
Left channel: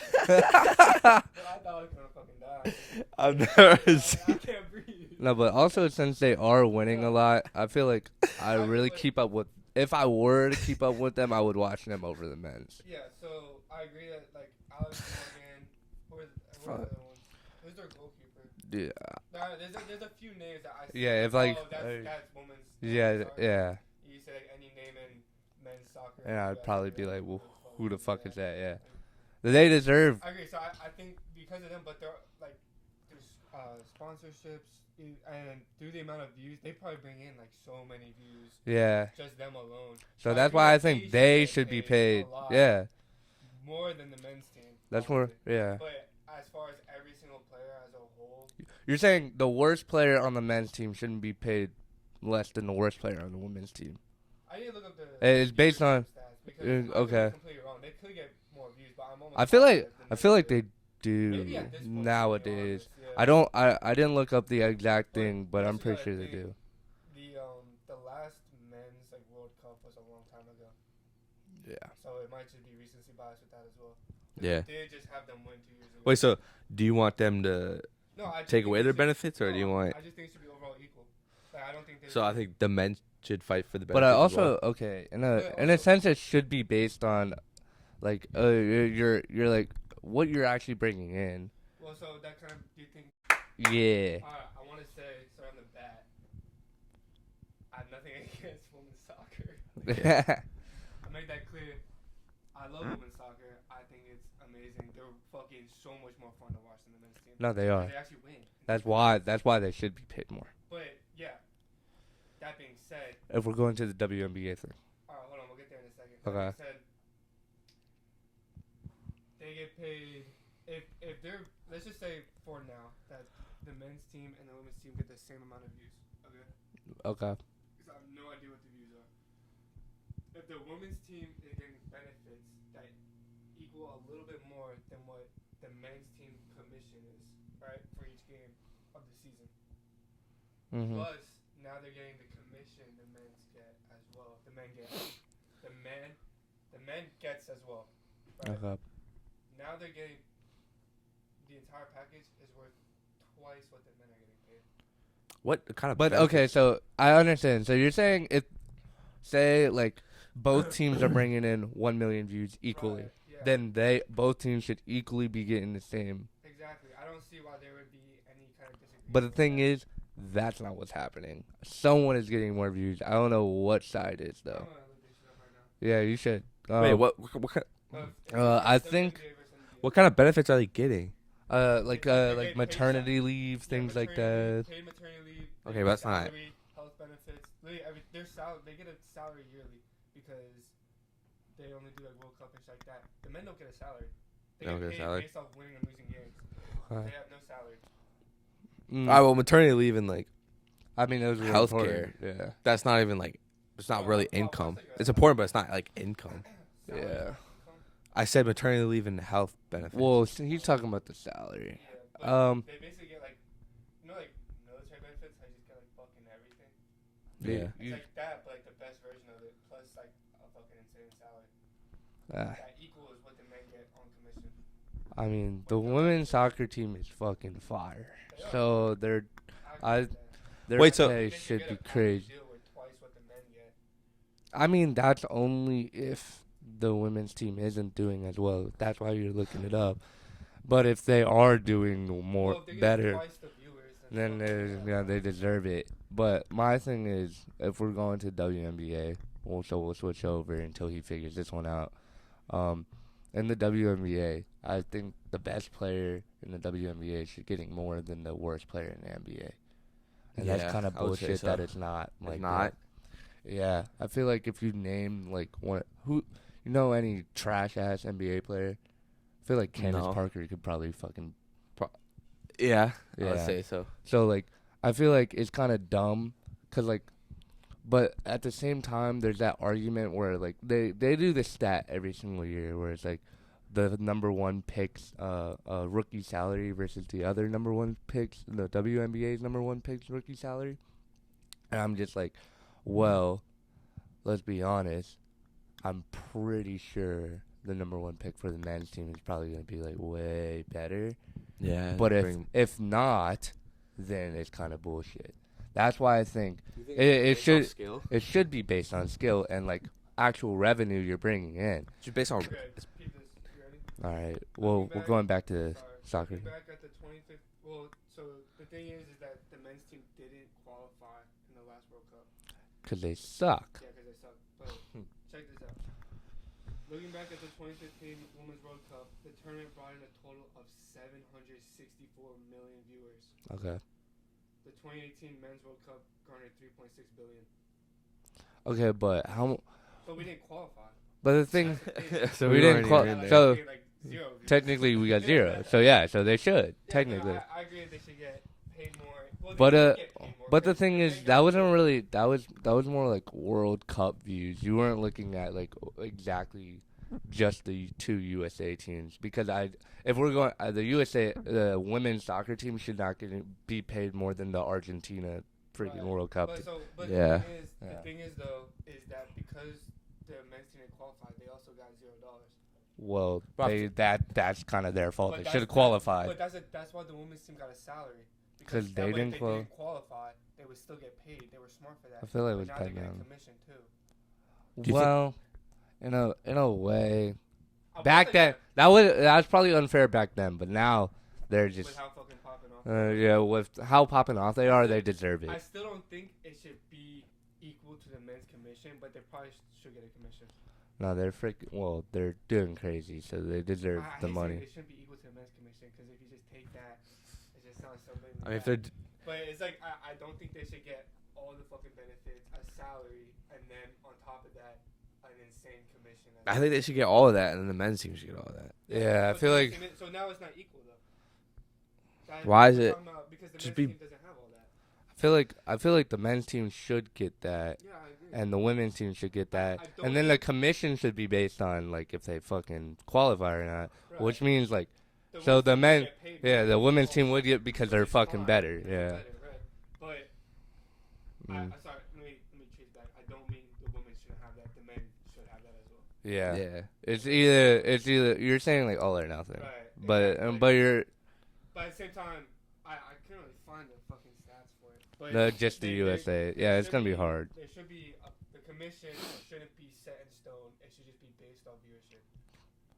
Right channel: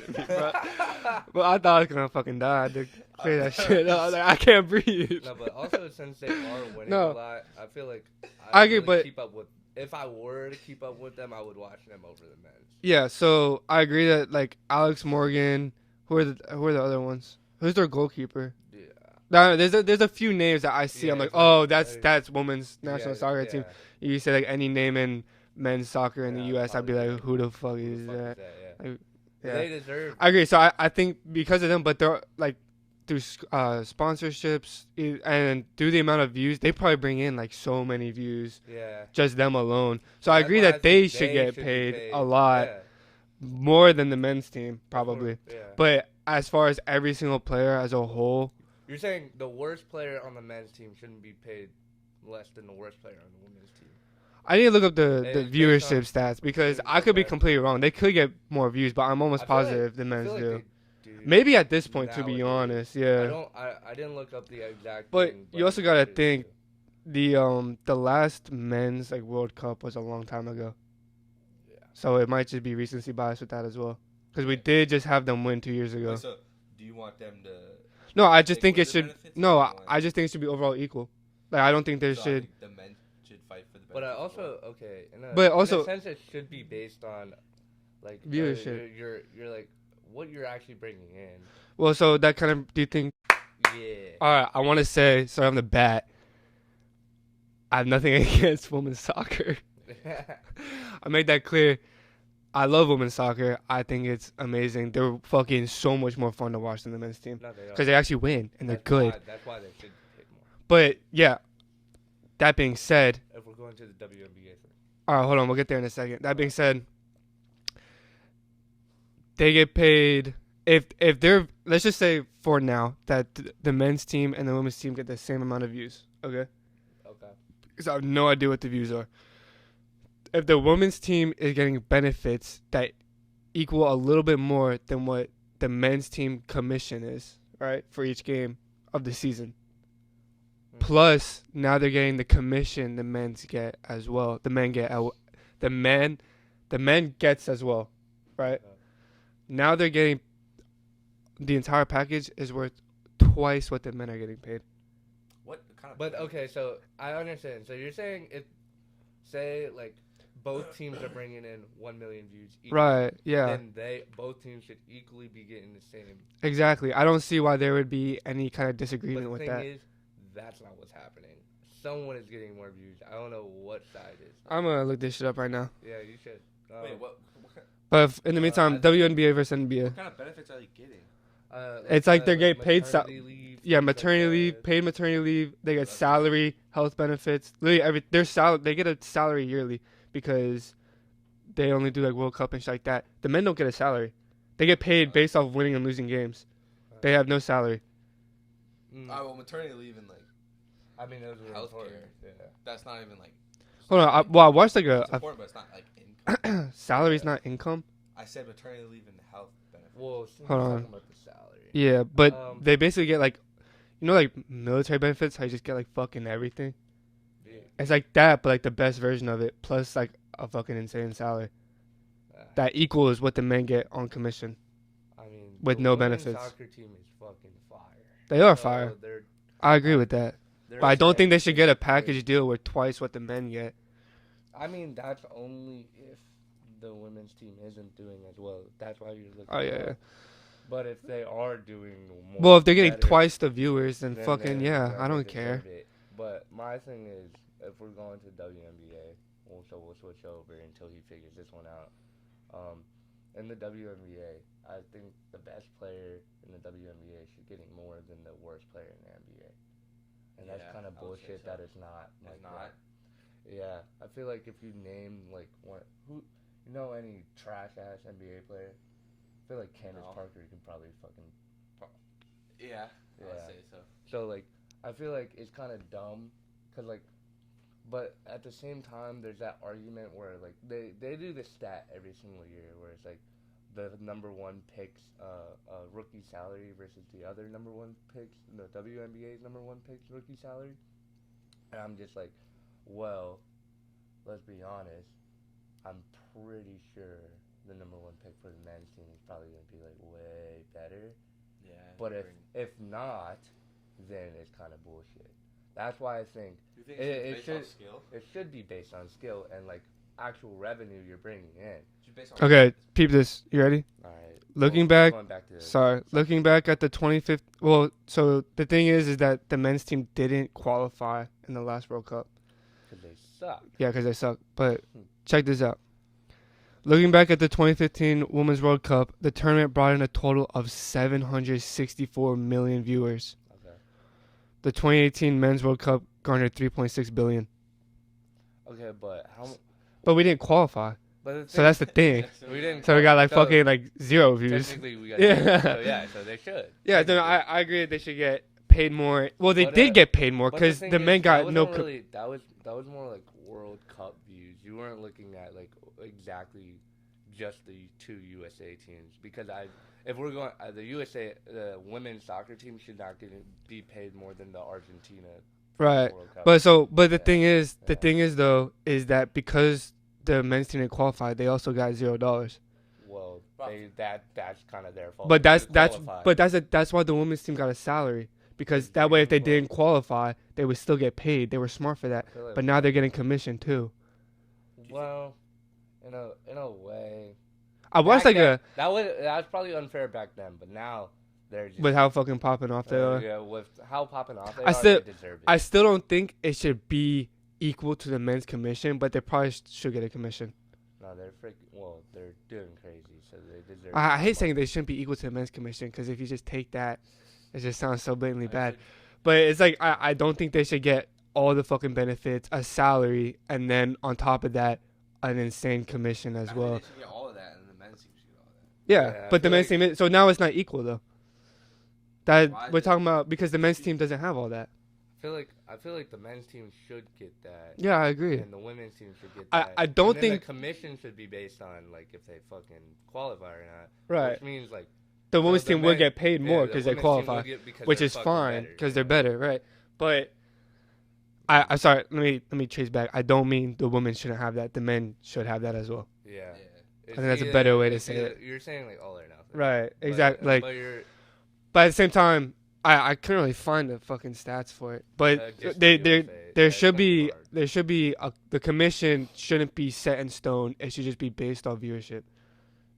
Well, I thought I was gonna fucking die. Dude. Say that shit. I was like, I can't breathe. No, but also since they are winning No. a lot, I feel like I I agree, really but- keep up with. If I were to keep up with them, I would watch them over the men's. Yeah. So I agree that like Alex Morgan. Who are the other ones? Who's their goalkeeper? Yeah. No, there's a few names that I see. Yeah, I'm like, it's like, oh, uh, that's women's national soccer team. yeah. You say like any name in men's soccer in Yeah, the I'd U.S., I'd be probably like, be who the fuck Who the is fuck that? is that? Yeah. Like, They deserve. I agree. So I think because of them, but they're like through sponsorships and through the amount of views, they probably bring in like so many views, Yeah. just them alone. So I that's agree why that they think should get be paid a lot Yeah. more than the men's team, That's probably. more, yeah. But as far as every single player as a whole, You're saying the worst player on the men's team shouldn't be paid less than the worst player on the women's team. I need to look up the It's based on- viewership stats because Yeah, I could be okay. completely wrong. They could get more views, but I'm almost I feel positive like the I men's feel like do. they do. Maybe at this point, to be nowadays. honest, yeah. I didn't look up the exact But thing, but you also I'm pretty gotta sure they think- do. The last men's like World Cup was a long time ago, Yeah. so it might just be recency bias with that as well. Because we Yeah. did just have them win 2 years ago. Wait, so do you want them to no, I just take think away it the should. benefits? or No, do you want, I just think it should be overall equal. Like I don't think there so I should. think the men should fight for the benefits. But I as also well. okay in But in also- a sense it should be based on like Viewership. you're like what you're actually bringing in. Well, so that kind of. Do you think? Yeah. All right, I want to say, start on the bat. I have nothing against women's soccer. I made that clear. I love women's soccer. I think it's amazing. They're fucking so much more fun to watch than the men's team No, they are. because they actually win and That's they're good. why. That's why they should be paid more. But yeah, that being said, If we're going to the WNBA thing. all right, hold on, we'll get there in a second. That Okay. being said, they get paid if they're, let's just say for now that the men's team and the women's team get the same amount of views. Okay. Okay. Because I have no idea what the views are. If the women's team is getting benefits that equal a little bit more than what the men's team commission is, right, for each game of the season. Mhm. Plus, now they're getting the commission the men's get as well. The men gets as well, right? Okay. Now they're getting the entire package is worth twice what the men are getting paid. What kind of? But benefits? okay, so I understand. So you're saying if, say, like both teams are bringing in 1 million views equally, Right? Yeah. then both teams should equally be getting the same. Exactly. I don't see why there would be any kind of But disagreement the with thing that. is, that's not what's happening. Someone is getting more views. I don't know what side is though. I'm gonna look this shit up right now. Yeah, you should. Wait, what kind? But in the meantime, I think- WNBA versus NBA. What kind of benefits are they getting? It's like they're getting paid maternity leave. Yeah, things like maternity leave, that. paid maternity leave. They Okay, get that's salary, health benefits. Literally they get a salary yearly because they only do like World Cup and shit like that. The men don't get a salary. They get Don't get a paid salary. based off winning and losing games. Okay. They have no salary. Mm. Well, maternity leave and like I mean, those are healthcare. important. Yeah. that's not even like. It's Oh, not no, really I income. watched, like, It's important, but it's not like income. Salary's Yeah. not income. I said maternity leave and health benefits. Well, he's Um, talking about the salary. Yeah, but They they basically get like, like military benefits. How you just get like fucking everything. yeah. It's like that, but like the best version of it, plus like a fucking insane salary. That equals what the men get on commission. I mean, with the no women's benefits. soccer team is fucking fire. They are So fire. They're I agree I- with that. they're But I don't saying think they should get a be package crazy. deal where twice what the men get. I mean, that's only if the women's team isn't doing as well. That's why you're looking Oh, it yeah. up. But if they are doing more, Well, if they're getting better, twice the viewers, then then fucking they- I don't they care. deserve it. But my thing is, if we're going to WNBA, we'll switch over until he figures this one out. In the WNBA, I think the best player in the WNBA should getting more than the worst player in the NBA. And Yeah, that's kind of I would say bullshit so. that it's not. It's Like not. that. Yeah, I feel like if you name like any trash ass NBA player, I feel like Candace No. Parker could probably fucking. Yeah, I would Yeah. say so. So like, I feel like it's kind of dumb, cause like, but at the same time, there's that argument where like they do this stat every single year where it's like the number one picks rookie salary versus the other number one picks, the WNBA's number one picks rookie salary, and I'm just like, well, let's be honest, I'm pretty sure the number one pick for the men's team is probably gonna be like way better. Yeah, But if not, then it's kind of bullshit. That's why I think it should be based on skill and like actual revenue you're bringing in. based on Okay, peep this. You ready? All right. Looking we're back- going back to Sorry. soccer. Looking back at the 2015. Well, so the thing is that the men's team didn't qualify in the last World Cup. because they suck. Yeah, because they suck. But check this out. Looking back at the 2015 Women's World Cup, the tournament brought in a total of 764 million viewers. Okay. The 2018 Men's World Cup garnered 3.6 billion. Okay, but how? But we didn't qualify. But the So thing, that's the thing. so we didn't So we got like Oh. fucking like 0 views. technically we got Yeah. 0. So yeah, so they should. Yeah, no, technically. I agree that they should get paid more. Well, they But, did get paid more But the because thing the is, men got that wasn't no. really that was more like World Cup views. You weren't looking at like exactly just the two USA teams because if we're going the USA the women's soccer team should not be paid more than the Argentina Right. World Cup. But the Yeah. thing is, Yeah. though, is that because the men's team didn't qualify, they also got $0. well, Rough. that's kind of their fault. But They that's should've qualified. that's why the women's team got a salary because 'Cause that they way if they didn't didn't qualify, they would still get paid. They were smart for I that. feel like But we now they're cut getting down. commission too. you think- Well, in a way. I was Back like then, that was probably unfair back then, but now they're just with how fucking popping off they are. yeah, with how popping off they I are, still- they deserve it. I still don't think it should be equal to the men's commission, but they probably should get a commission. No, they're they're doing crazy, so they deserve. I the hate saying money. they shouldn't be equal to the men's commission because if you just take that, it just sounds so blatantly If bad. they're- But it's like I don't think they should get all the fucking benefits, a salary, and then on top of that, an insane commission as I well. think they should get all of that, and then the men's team should get all of that. Yeah, I but the feel men's like- team is, so now it's not equal though. That Why is we're it- talking about because the just men's be- team doesn't have all that. I feel like the men's team should get that. Yeah, I agree. And the women's team should get I- that. I don't and then think- the commission should be based on like if they fucking qualify or not. Right. Which means like The so women's the team men- would get paid more. yeah, 'cause the they women's team qualify, would get because which they're is fucking fine better. because yeah. they're better, right? But I'm sorry. Let me chase back. I don't mean the women shouldn't have that. The men should have that as well. Yeah. Yeah. It's think that's a either, better way to it's say either it. you're saying like all or nothing. Right. But, Exactly. Like, but you're but at the same time, I couldn't really find the fucking stats for it. But just they the there USA. there Yeah, it's should gonna be be hard. there should be the commission shouldn't be set in stone. It should just be based off viewership.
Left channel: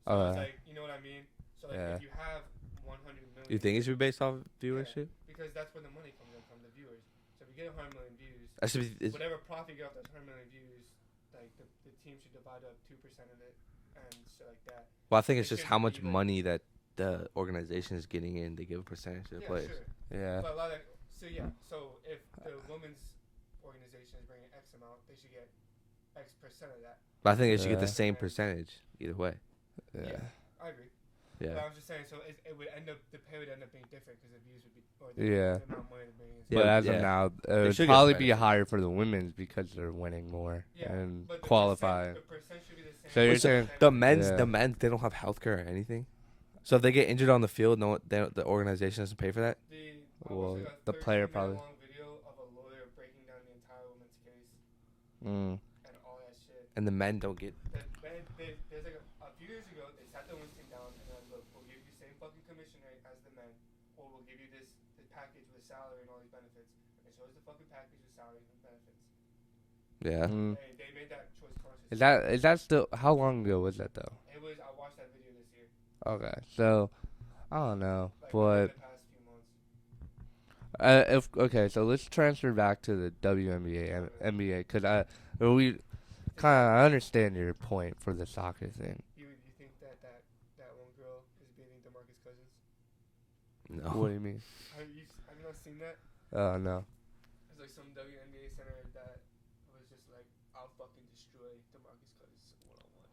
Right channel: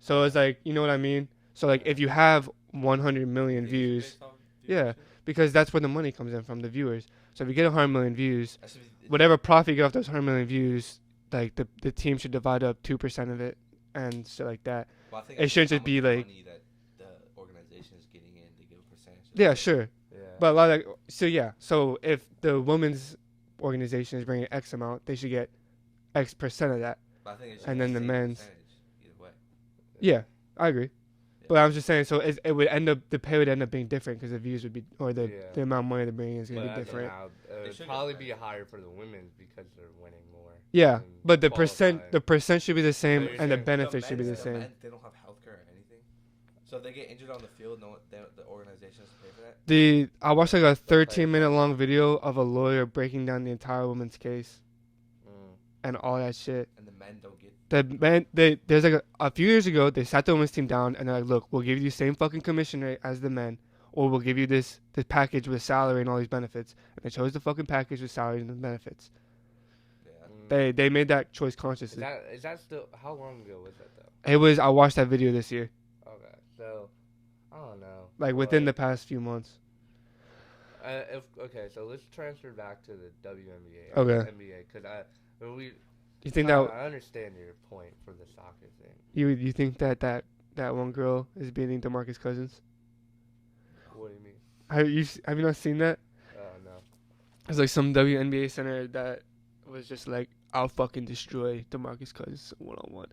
So it's like, you know what I mean? So like if Yeah. you have 100 You million think it should be views, based off Yeah. viewership? because that's where the money comes in from, the viewers. So if you get 100 million views, That should be. whatever profit you get off those 100 million views, like the team should divide up 2% of it and shit like that. Well, I think it it's shouldn't just how just be, much like- money that the organization is getting in. They give a percentage. to the Yeah, player. sure. Yeah. But a lot of, so if the women's organization is bringing X amount, they should get X percent of that. But I think it should And be the then the same men's- percentage either way. Yeah, I agree. Yeah. But I'm just saying, so it would end up, the pay would end up being different because the views would be, or the Yeah. amount of money they're bringing in. is But gonna be as yeah. of different. now, it They would should get probably the be benefit. higher for the women's because they're winning more. Yeah, and but the qualifying. percent should be the same, So you're and saying the the benefits the should men's, be Yeah. the same. men, they don't have healthcare or anything. So if they get injured on the field, the organization doesn't pay for that. I watched like a The player 13-minute fund. long video of a lawyer breaking down the entire women's case Mm. and all that shit. And the men don't get. The men, there's like a few years ago, they sat the women's team down and they're like, look, we'll give you the same fucking commission rate as the men, or we'll give you this package with salary and all these benefits. And they chose the fucking package with salary and the benefits. Yeah. Mm. They made that choice consciously. Is that still how long ago was that though? I watched that video this year, Okay, so I don't know. like within the but, past few months. so let's transfer back to the WNBA and Okay. NBA because we You think kinda, that I understand your point for the soccer thing. you think that one girl is beating DeMarcus Cousins? No. What do you mean? Have you not seen that? No. It's like some WNBA center that was just like, I'll fucking destroy DeMarcus Cousins 1-on-1.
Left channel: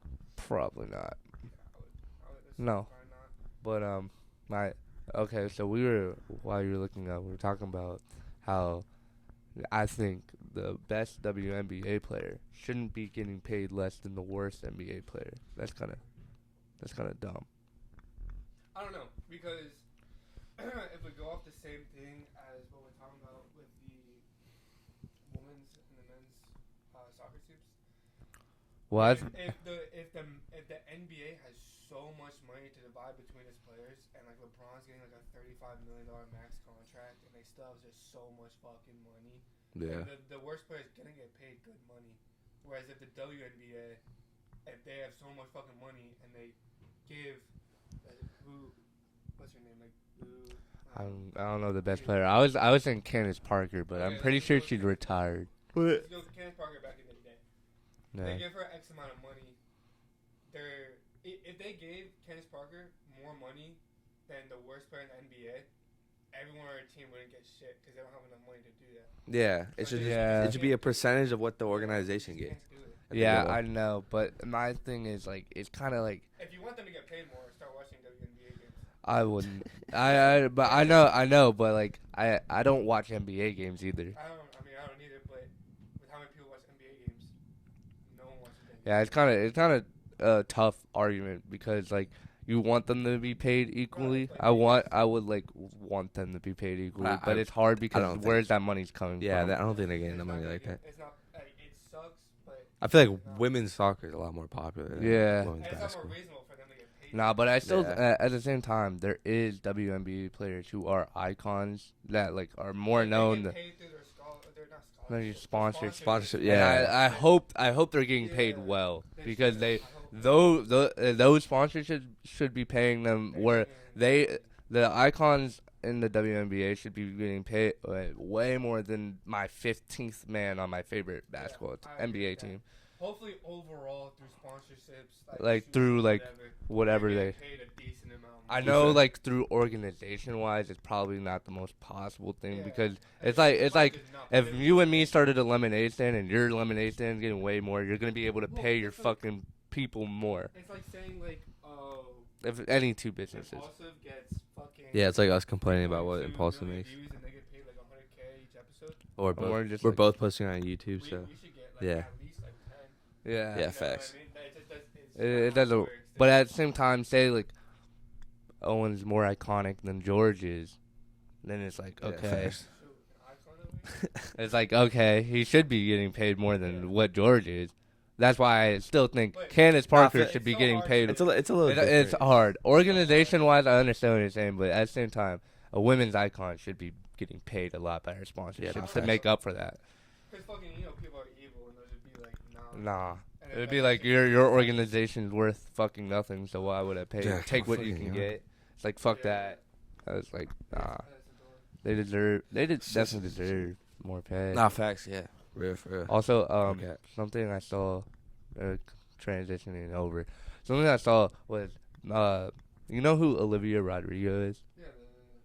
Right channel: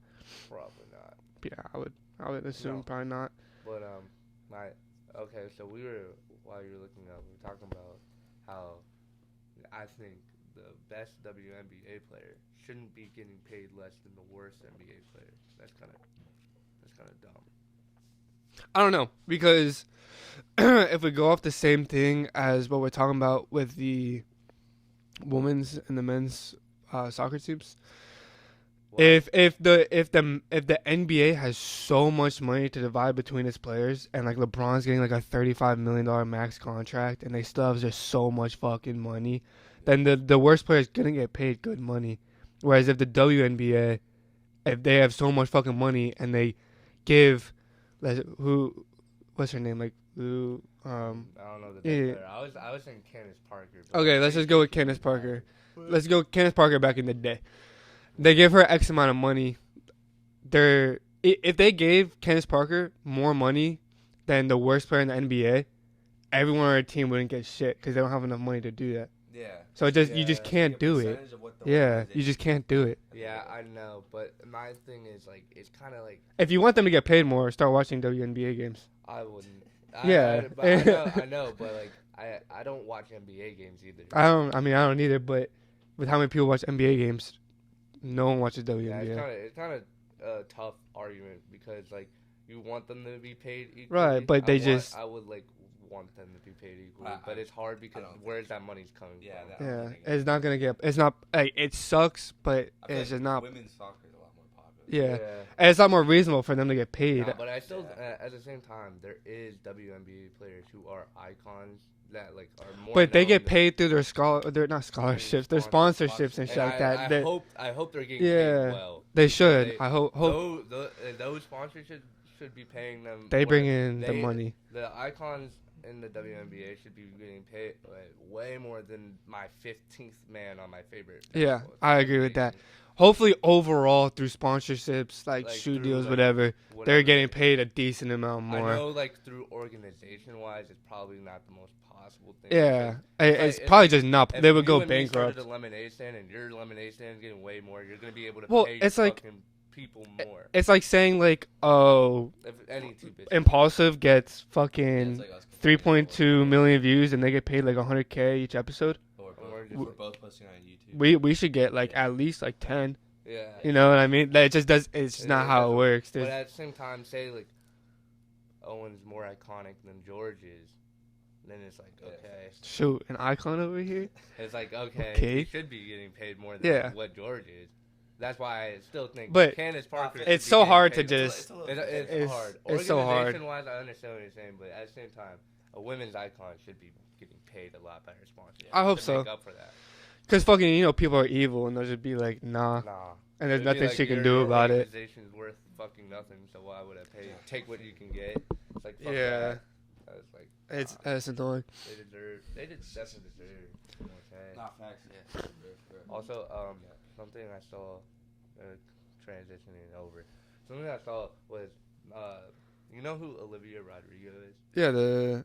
Probably not. Yeah, I would assume No. probably not. But so while you were looking up, we were talking about how I think the best WNBA player shouldn't be getting paid less than the worst NBA player. That's kind of dumb. I don't know, because if we go off the same thing as what we're talking about with the women's and the men's soccer teams, if the NBA has so much money to divide between its players, and like LeBron's getting like a $35 million max contract, and they still have just so much fucking money, then the worst player is gonna get paid good money. Whereas if the WNBA, if they have so much fucking money and they give, what's her name, like who, I don't know the best yeah. player. I was saying Candace Parker, but Okay, I'm let's pretty just go sure with she's Candace Parker. retired. let's go Candace Parker back in the day. No. They give her X amount of money. If they gave Candace Parker more money than the worst player in the NBA, everyone on her team wouldn't get shit because they don't have enough money to do that. Yeah. So It's you yeah. just It should can't be a do it. percentage of what the Yeah, organization. you just gets. can't do it. Yeah, I know, but my thing is like it's kind of like If you want them to get paid more, start watching WNBA games. I wouldn't. Yeah. but I know, but like I don't watch NBA games either. I don't either. But with how many people watch NBA games, no one watches WNBA. Yeah, it's kind of a tough argument because like you want them to be paid equally. Right, but I would like want them to be paid equally, I- but it's hard because don't think- where's that money's coming Yeah, from? I don't think they're getting It's the not money gonna like get. It's not. Like, it sucks, but I feel it's like just not. women's soccer is a lot more popular. Yeah. Yeah. And it's not more reasonable for them to get paid. Nah, but I still Yeah. at the same time there is WNBA players who are icons that like are more. But they known get than- paid through they're not scholarships, they're Sponsors. sponsorships and Yeah, shit like And that. I hope they're getting paid Yeah. well. They because should. I hope those sponsors should be paying them. they where bring in they- the money. the icons in the WNBA should be getting paid way more than my 15th man on my favorite Yeah, basketball I agree NBA with that. team. hopefully overall through sponsorships, like shoe through deals, like whatever, whatever they're getting they- paid a decent amount more. I know, like through organization wise, it's probably not the most possible thing. Yeah, because it's probably just not. if They would you go and me bankrupt. started a lemonade stand and your lemonade stand is getting way more, you're gonna be able to Well, pay your it's like- fucking people more. It's like saying like, oh, If any two businesses. Impulsive gets fucking Yeah, it's like us complaining. about what 3.2 Impulse million is. views and they get paid like 100K each episode. Or Or both. just We're like- both posting on YouTube. We so- we should get like Yeah. at least like 10. Yeah. Yeah. You know what I facts. mean? That it just does. It's It- not it how it doesn't- works. dude. But at the same time, say like Owen's more iconic than George is, then it's like Yeah, okay, facts. Shoot, an icon over here. it's like okay, he Pig. should be getting paid more than Yeah. what George is. That's why I still think But- Candace Parker should it's be so getting hard to paid. just- It's a little. It's different. hard. It's so hard. Organization wise, I understand what you're saying, but at the same time, a women's icon should be getting paid a lot better sponsors Yeah, I hope to so. make up for that. Because fucking, people are evil and they'll just be like, nah. Nah. And there's It'd be nothing like she can your do about it. organization's worth fucking nothing, so why would I pay? Yeah, Take what you fucking can yeah. get. It's like fuck Yeah. that. I was like, It's that's annoying. they deserve. They definitely deserve more pay. Nah, facts. Yeah, real for real. Also, Okay. something I saw, transitioning over. Something I saw was, you know who Olivia Rodrigo is? Yeah, the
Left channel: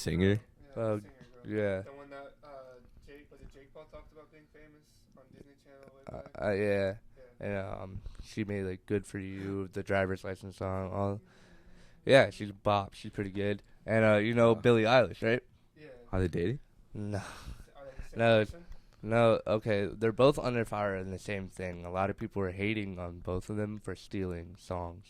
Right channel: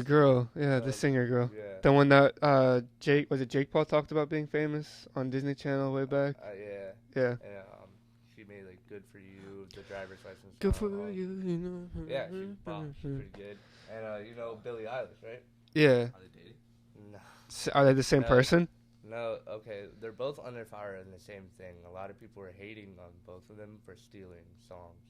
Singer? girl. Yeah, the Uh, singer girl. Yeah. The one that Jake Paul talked about being famous on Disney Channel way back. Yeah. Yeah. And she made like "Good for You," the driver's license Good song. for you, you know. Yeah, she's bop. She's pretty good. And you know Billie Eilish, right? Yeah. Are they dating? No. Are they the same No. person? No, okay, they're both under fire in the same thing. A lot of people are hating on both of them for stealing songs.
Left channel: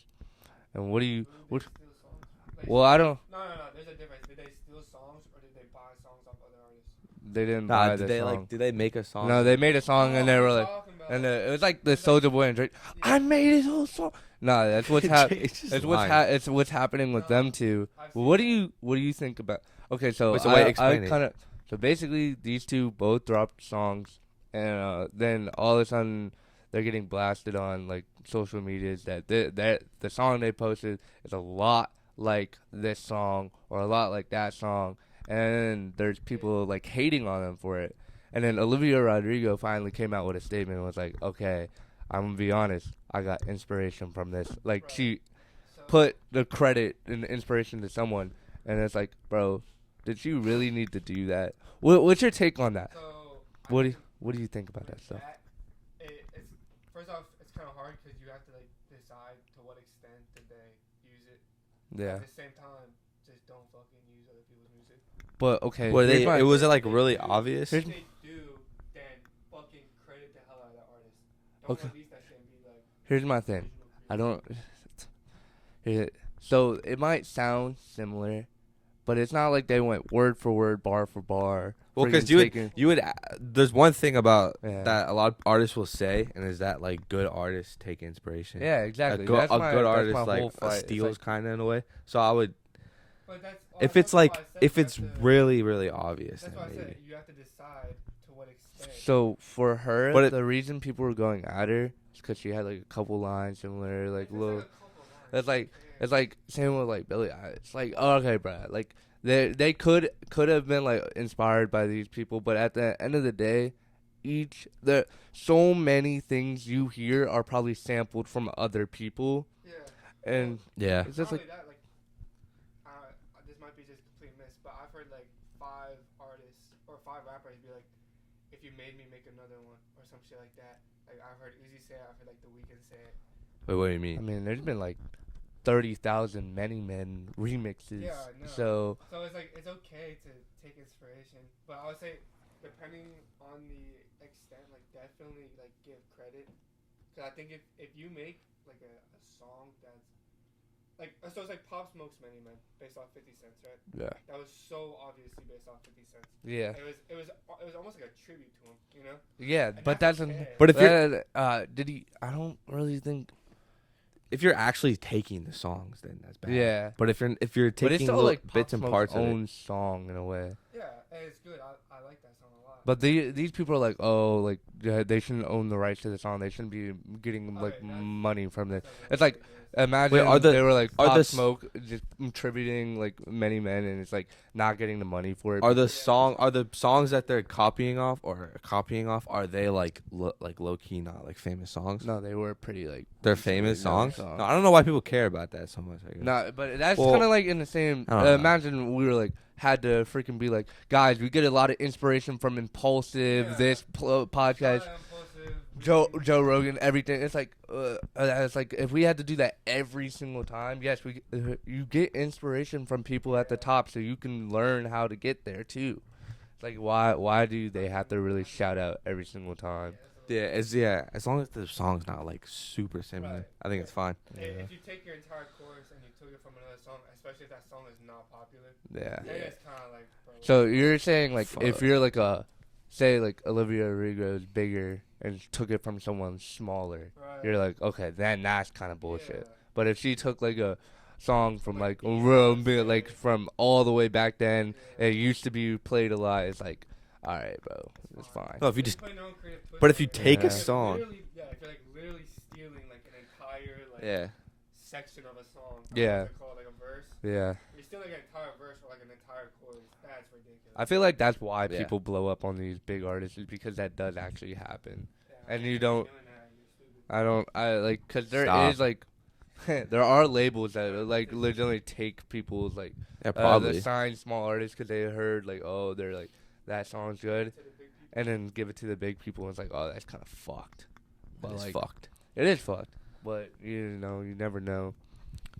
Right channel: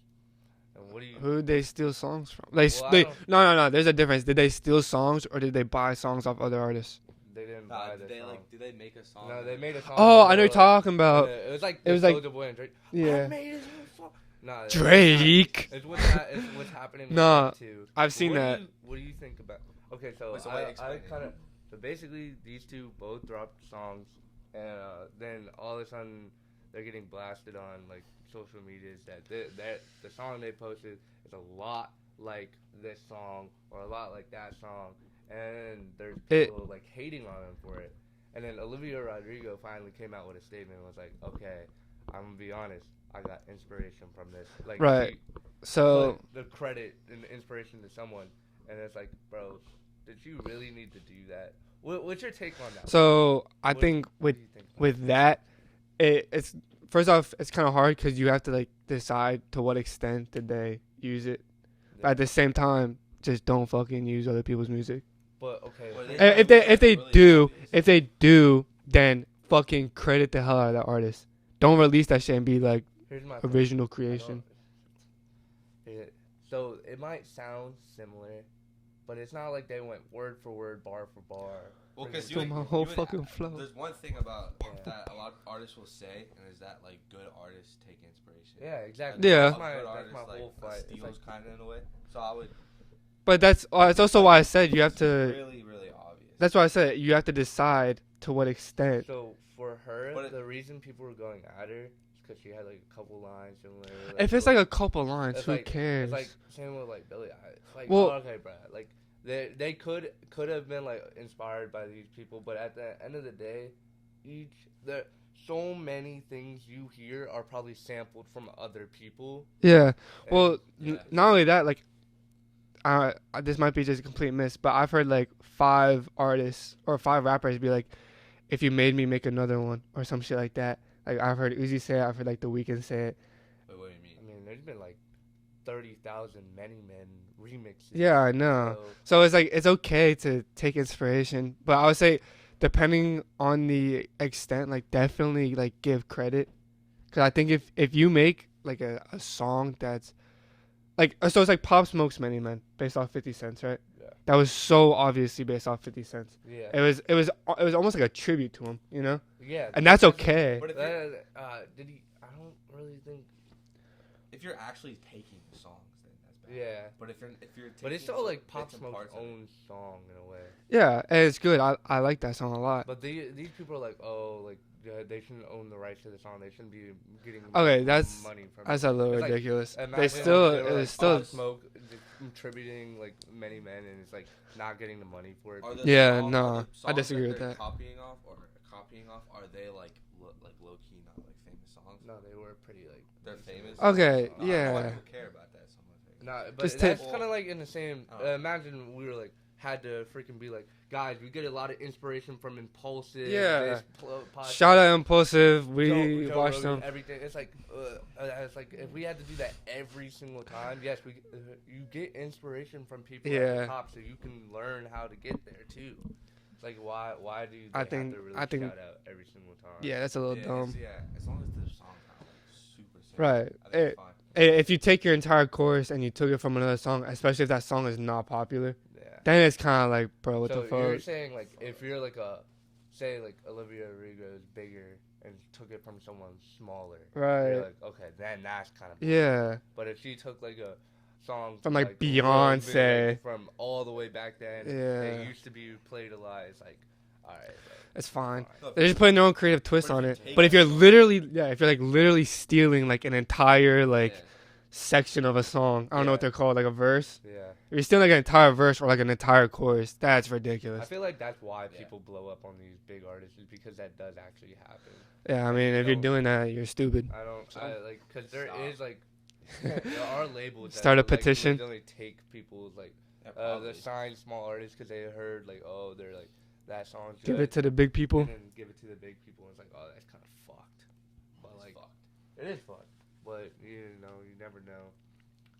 And what do you? Who did they what's- steal songs from? They Well, I don't- no. There's a difference. Did they steal songs or did they buy songs off other artists? They didn't Nah, buy did the they song. did they make a song? No, they made a song. Oh, and I they know were you're like- talking about. and, it was like it the was like- Soulja Boy and Drake. I Yeah. made his own song. No, that's Drake. it's what's happening with No, them two. I've seen what that. What do you think about? Okay, so Wait, so wait, I explain it. kind of so basically these two both dropped songs, and then all of a sudden they're getting blasted on like social medias that the song they posted is a lot like this song or a lot like that song, and there's people like hating on them for it. And then Olivia Rodrigo finally came out with a statement and was like, "Okay, I'm gonna be honest. I got inspiration from this." Like Right. she So put the credit and the inspiration to someone, and it's like, bro, did you really need to do that? What's your take on that? so I What think what do you think about with that, it's first off it's kind of hard because you have to like decide to what extent did they use it. Yeah. At the same time, just don't fucking use other people's music. But okay, Were they- If it wasn't, if like, they really do, obvious? if they do, then fucking credit the hell out of that artist. Don't Okay. release that shit and be like here's my thing. original creation. I don't. So it might sound similar, but it's not like they went word for word, bar for bar. Well, friggin' because you would, taking- Whole you would. fucking flow. There's one thing about Yeah. that a lot of artists will say, and is that like good artists take inspiration. Yeah, A exactly. good, Yeah. That's a my- good that's artist my like whole fight. It's steals like- kind of in a way. So I would. But that's if that's also like- why I said if you have it's to. really, really obvious. That's why I said you have to decide to what extent. So for her, But it- the reason people were going at her is because she had like a couple lines similar. Like, If it's like a couple lines, it's who like cares? it's like same with like Billie Eilish. It's like Well- oh, okay, bro. Like they could have been like inspired by these people, but at the end of the day, so many things you hear are probably sampled from other people. yeah. Well, and Yeah. it's not just only that, like, this might be just a complete miss, but I've heard like 5 artists or 5 rappers be like, "If you made me make another one" or some shit like that. Like I've heard Uzi say it, I've heard like The Weeknd say it. Wait, what do you I mean? mean, there's been like 30,000 Many Men remixes. Yeah, I know. So So it's like it's okay to take inspiration, but I would say depending on the extent, like definitely like give credit, because I think if you make like a song that's like so it's like Pop Smoke's Many Men based off 50 Cents, right? yeah, That was so obviously based off 50 Cents. yeah, It was almost like a tribute to him, you know, yeah. and but that's doesn't- okay. But if you're did he? I don't really think. if you're actually taking the songs, then that's bad. Yeah. But if you're But it's taking still little like Pop bits and Smoke's parts of it, own song in a way. Yeah, and it's good. I like that song a lot. But these people are like, oh, like they shouldn't own the rights to the song. They shouldn't be getting Okay, that's money from that's it. a little It's like, ridiculous. Imagine Wait, are they the- were like are Stop the- Smoke, just contributing like many men, and it's like not getting the money for it. Are the Yeah, are no, the I songs that disagree they're with that. copying off? Are they like low key not like famous songs? No, they were pretty like They're famous songs. Okay, No, I don't know why yeah. people care about that so much. I guess. no, but Just that's take- kind of like in the same. I don't know. Imagine we were like had to freaking be like, guys, we get a lot of inspiration from Impulsive, Yeah. this podcast. Shout out Impulsive. We Joe watched Rogan, them. everything. It's like if we had to do that every single time, yes, you get inspiration from people at the Yeah. top, so you can learn how to get there too. It's like why do they have to really shout out every single time? Yeah, that's a little Yeah, dumb. as long as the song's not like super similar, Right. I think it's fine. If you take your entire chorus and you took it from another song, especially if that song is not popular, Yeah. then it's kind of like, bro. What So the fuck? you're saying like if Fuck. you're like say like Olivia Rodrigo's bigger and took it from someone smaller, right? you're like, okay, then that's kind of bullshit. yeah, But if she took like a song from like, like Beyonce. like from all the way back then, yeah. it used to be played a lot. It's like, all right, bro, It's fine. No, if They're you just putting their own creative twist But on if you it. take but if a you're song- if you're like literally stealing like an entire like yeah. section of a song, I don't know Yeah. what they're called, like a verse. Yeah. You're stealing like an entire verse or like an entire chorus. That's ridiculous. I feel like that's why Yeah. people blow up on these big artists is because that does actually happen. yeah, I and mean, you if you're don't- doing that, you're stupid. I like because there Stop. is like there are labels that Start a like petition. legitimately take people's like Yeah, the probably. signed small artists because they heard like, oh, they're like that song's Give it good, to the big people. and then give it to the big people. And it's like, oh, that's kind of fucked. But It's like, fucked. it is fucked. But you know, you never know.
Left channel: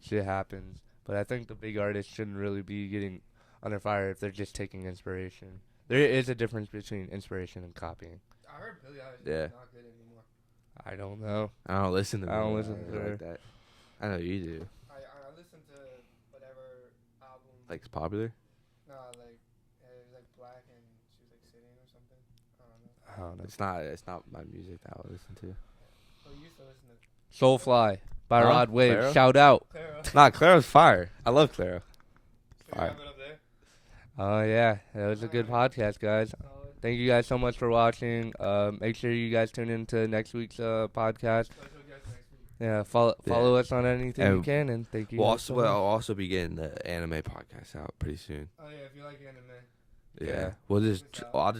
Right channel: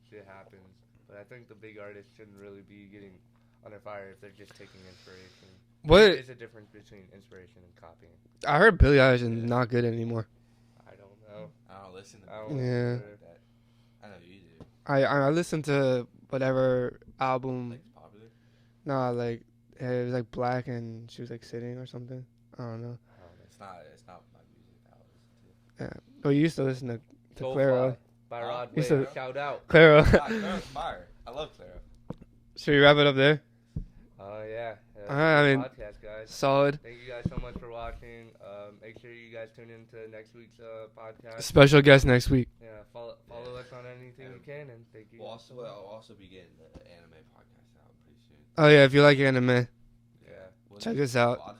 Shit happens. But I think the big artists shouldn't really be getting under fire if they're just taking inspiration. What- There is a difference between inspiration and copying. I heard Billie Eilish is Yeah. not good anymore. I don't know. I don't listen to I don't music listen to like that. I know you do. I listened to whatever album. Like it's popular. Nah, like it was like Black and she was like sitting or something. I don't know. I don't know. It's not my music that I would listen to. But you used to listen to Soulfly Claro. by Huh? Rod You Wave. said- Shout out. Claro. Nah, Claro's fire. I love Claro. Should we wrap it up there? Oh yeah, that was Alright, a good I podcast, guys. Solid. Thank you guys so much for watching. Make sure you guys tune in to next week's podcast. Special guest next week. Yeah, follow us on anything you And can, and thank you. We'll guys so also, much. I'll also be getting the anime podcast out pretty soon. Oh yeah, if you like anime. Yeah. We'll Check just us out.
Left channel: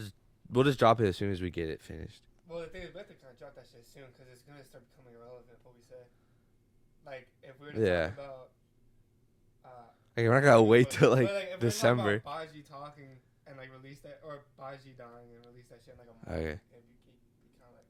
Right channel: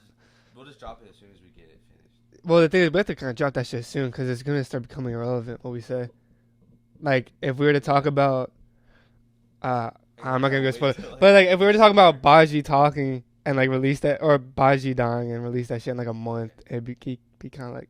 we'll just drop it as soon as we get it finished. Well, the thing is, we have to kind of drop that shit soon because it's gonna start becoming irrelevant. What we say, like if we were to talk Yeah. about, Like, I'm I not gotta gonna go wait spoil- till, like, but like if we were to talk about December. Baji talking and like release that, or Baji dying and release that shit in like a month, Okay. it'd be kind of like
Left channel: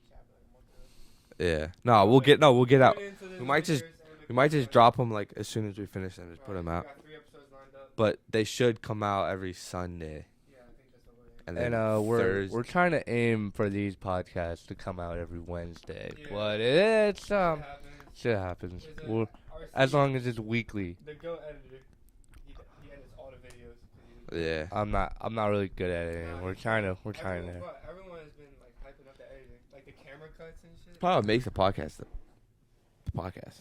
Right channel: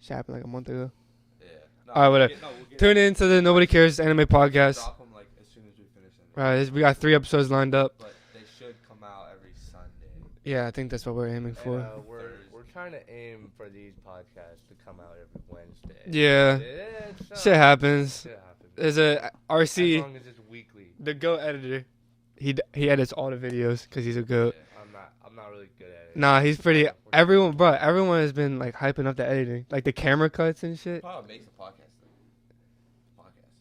shit happened like a month ago. Yeah. No, Alright, we'll get Tune out. in to the Nobody just- Cares Anime Might just podcast. drop them like as soon as we finish them. Right, we got 3 episodes lined up. But they should come out every Sunday. Yeah, I think that's what we're aiming And for. And we're Thursday. trying to aim for these podcasts to come out every Wednesday. Yeah. But it's Shit happens. Shit happens. There's a As RC, long as it's weekly. the Go editor. He edits all the videos because he's a goat. Yeah. I'm not really good at it. Nah, We're he's pretty. trying to- Everyone, bro, everyone has been like hyping up the editing, like the camera cuts and shit. Probably what makes the podcast the podcast.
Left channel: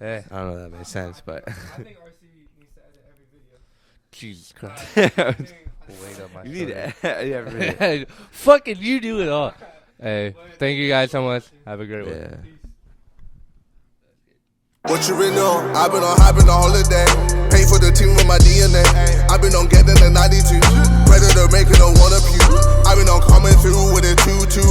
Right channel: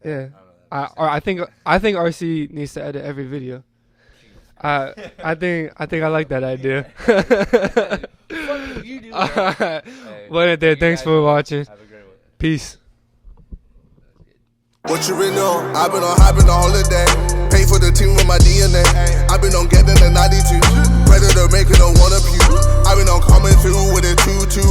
Yeah. I don't know. That I, makes or I sense, think but- I think RC needs to edit every video. Jesus Christ. I think I like that idea. Yeah. Fucking you do it all. Hey, But thank you thanks guys for so much. watching. Have a great one. Yeah. Peace. What you been on? I've been on hyping the holiday. Pay for the team with my DNA. I've been on getting the 92. Predator making a one of you. I've been on coming through with a 2-2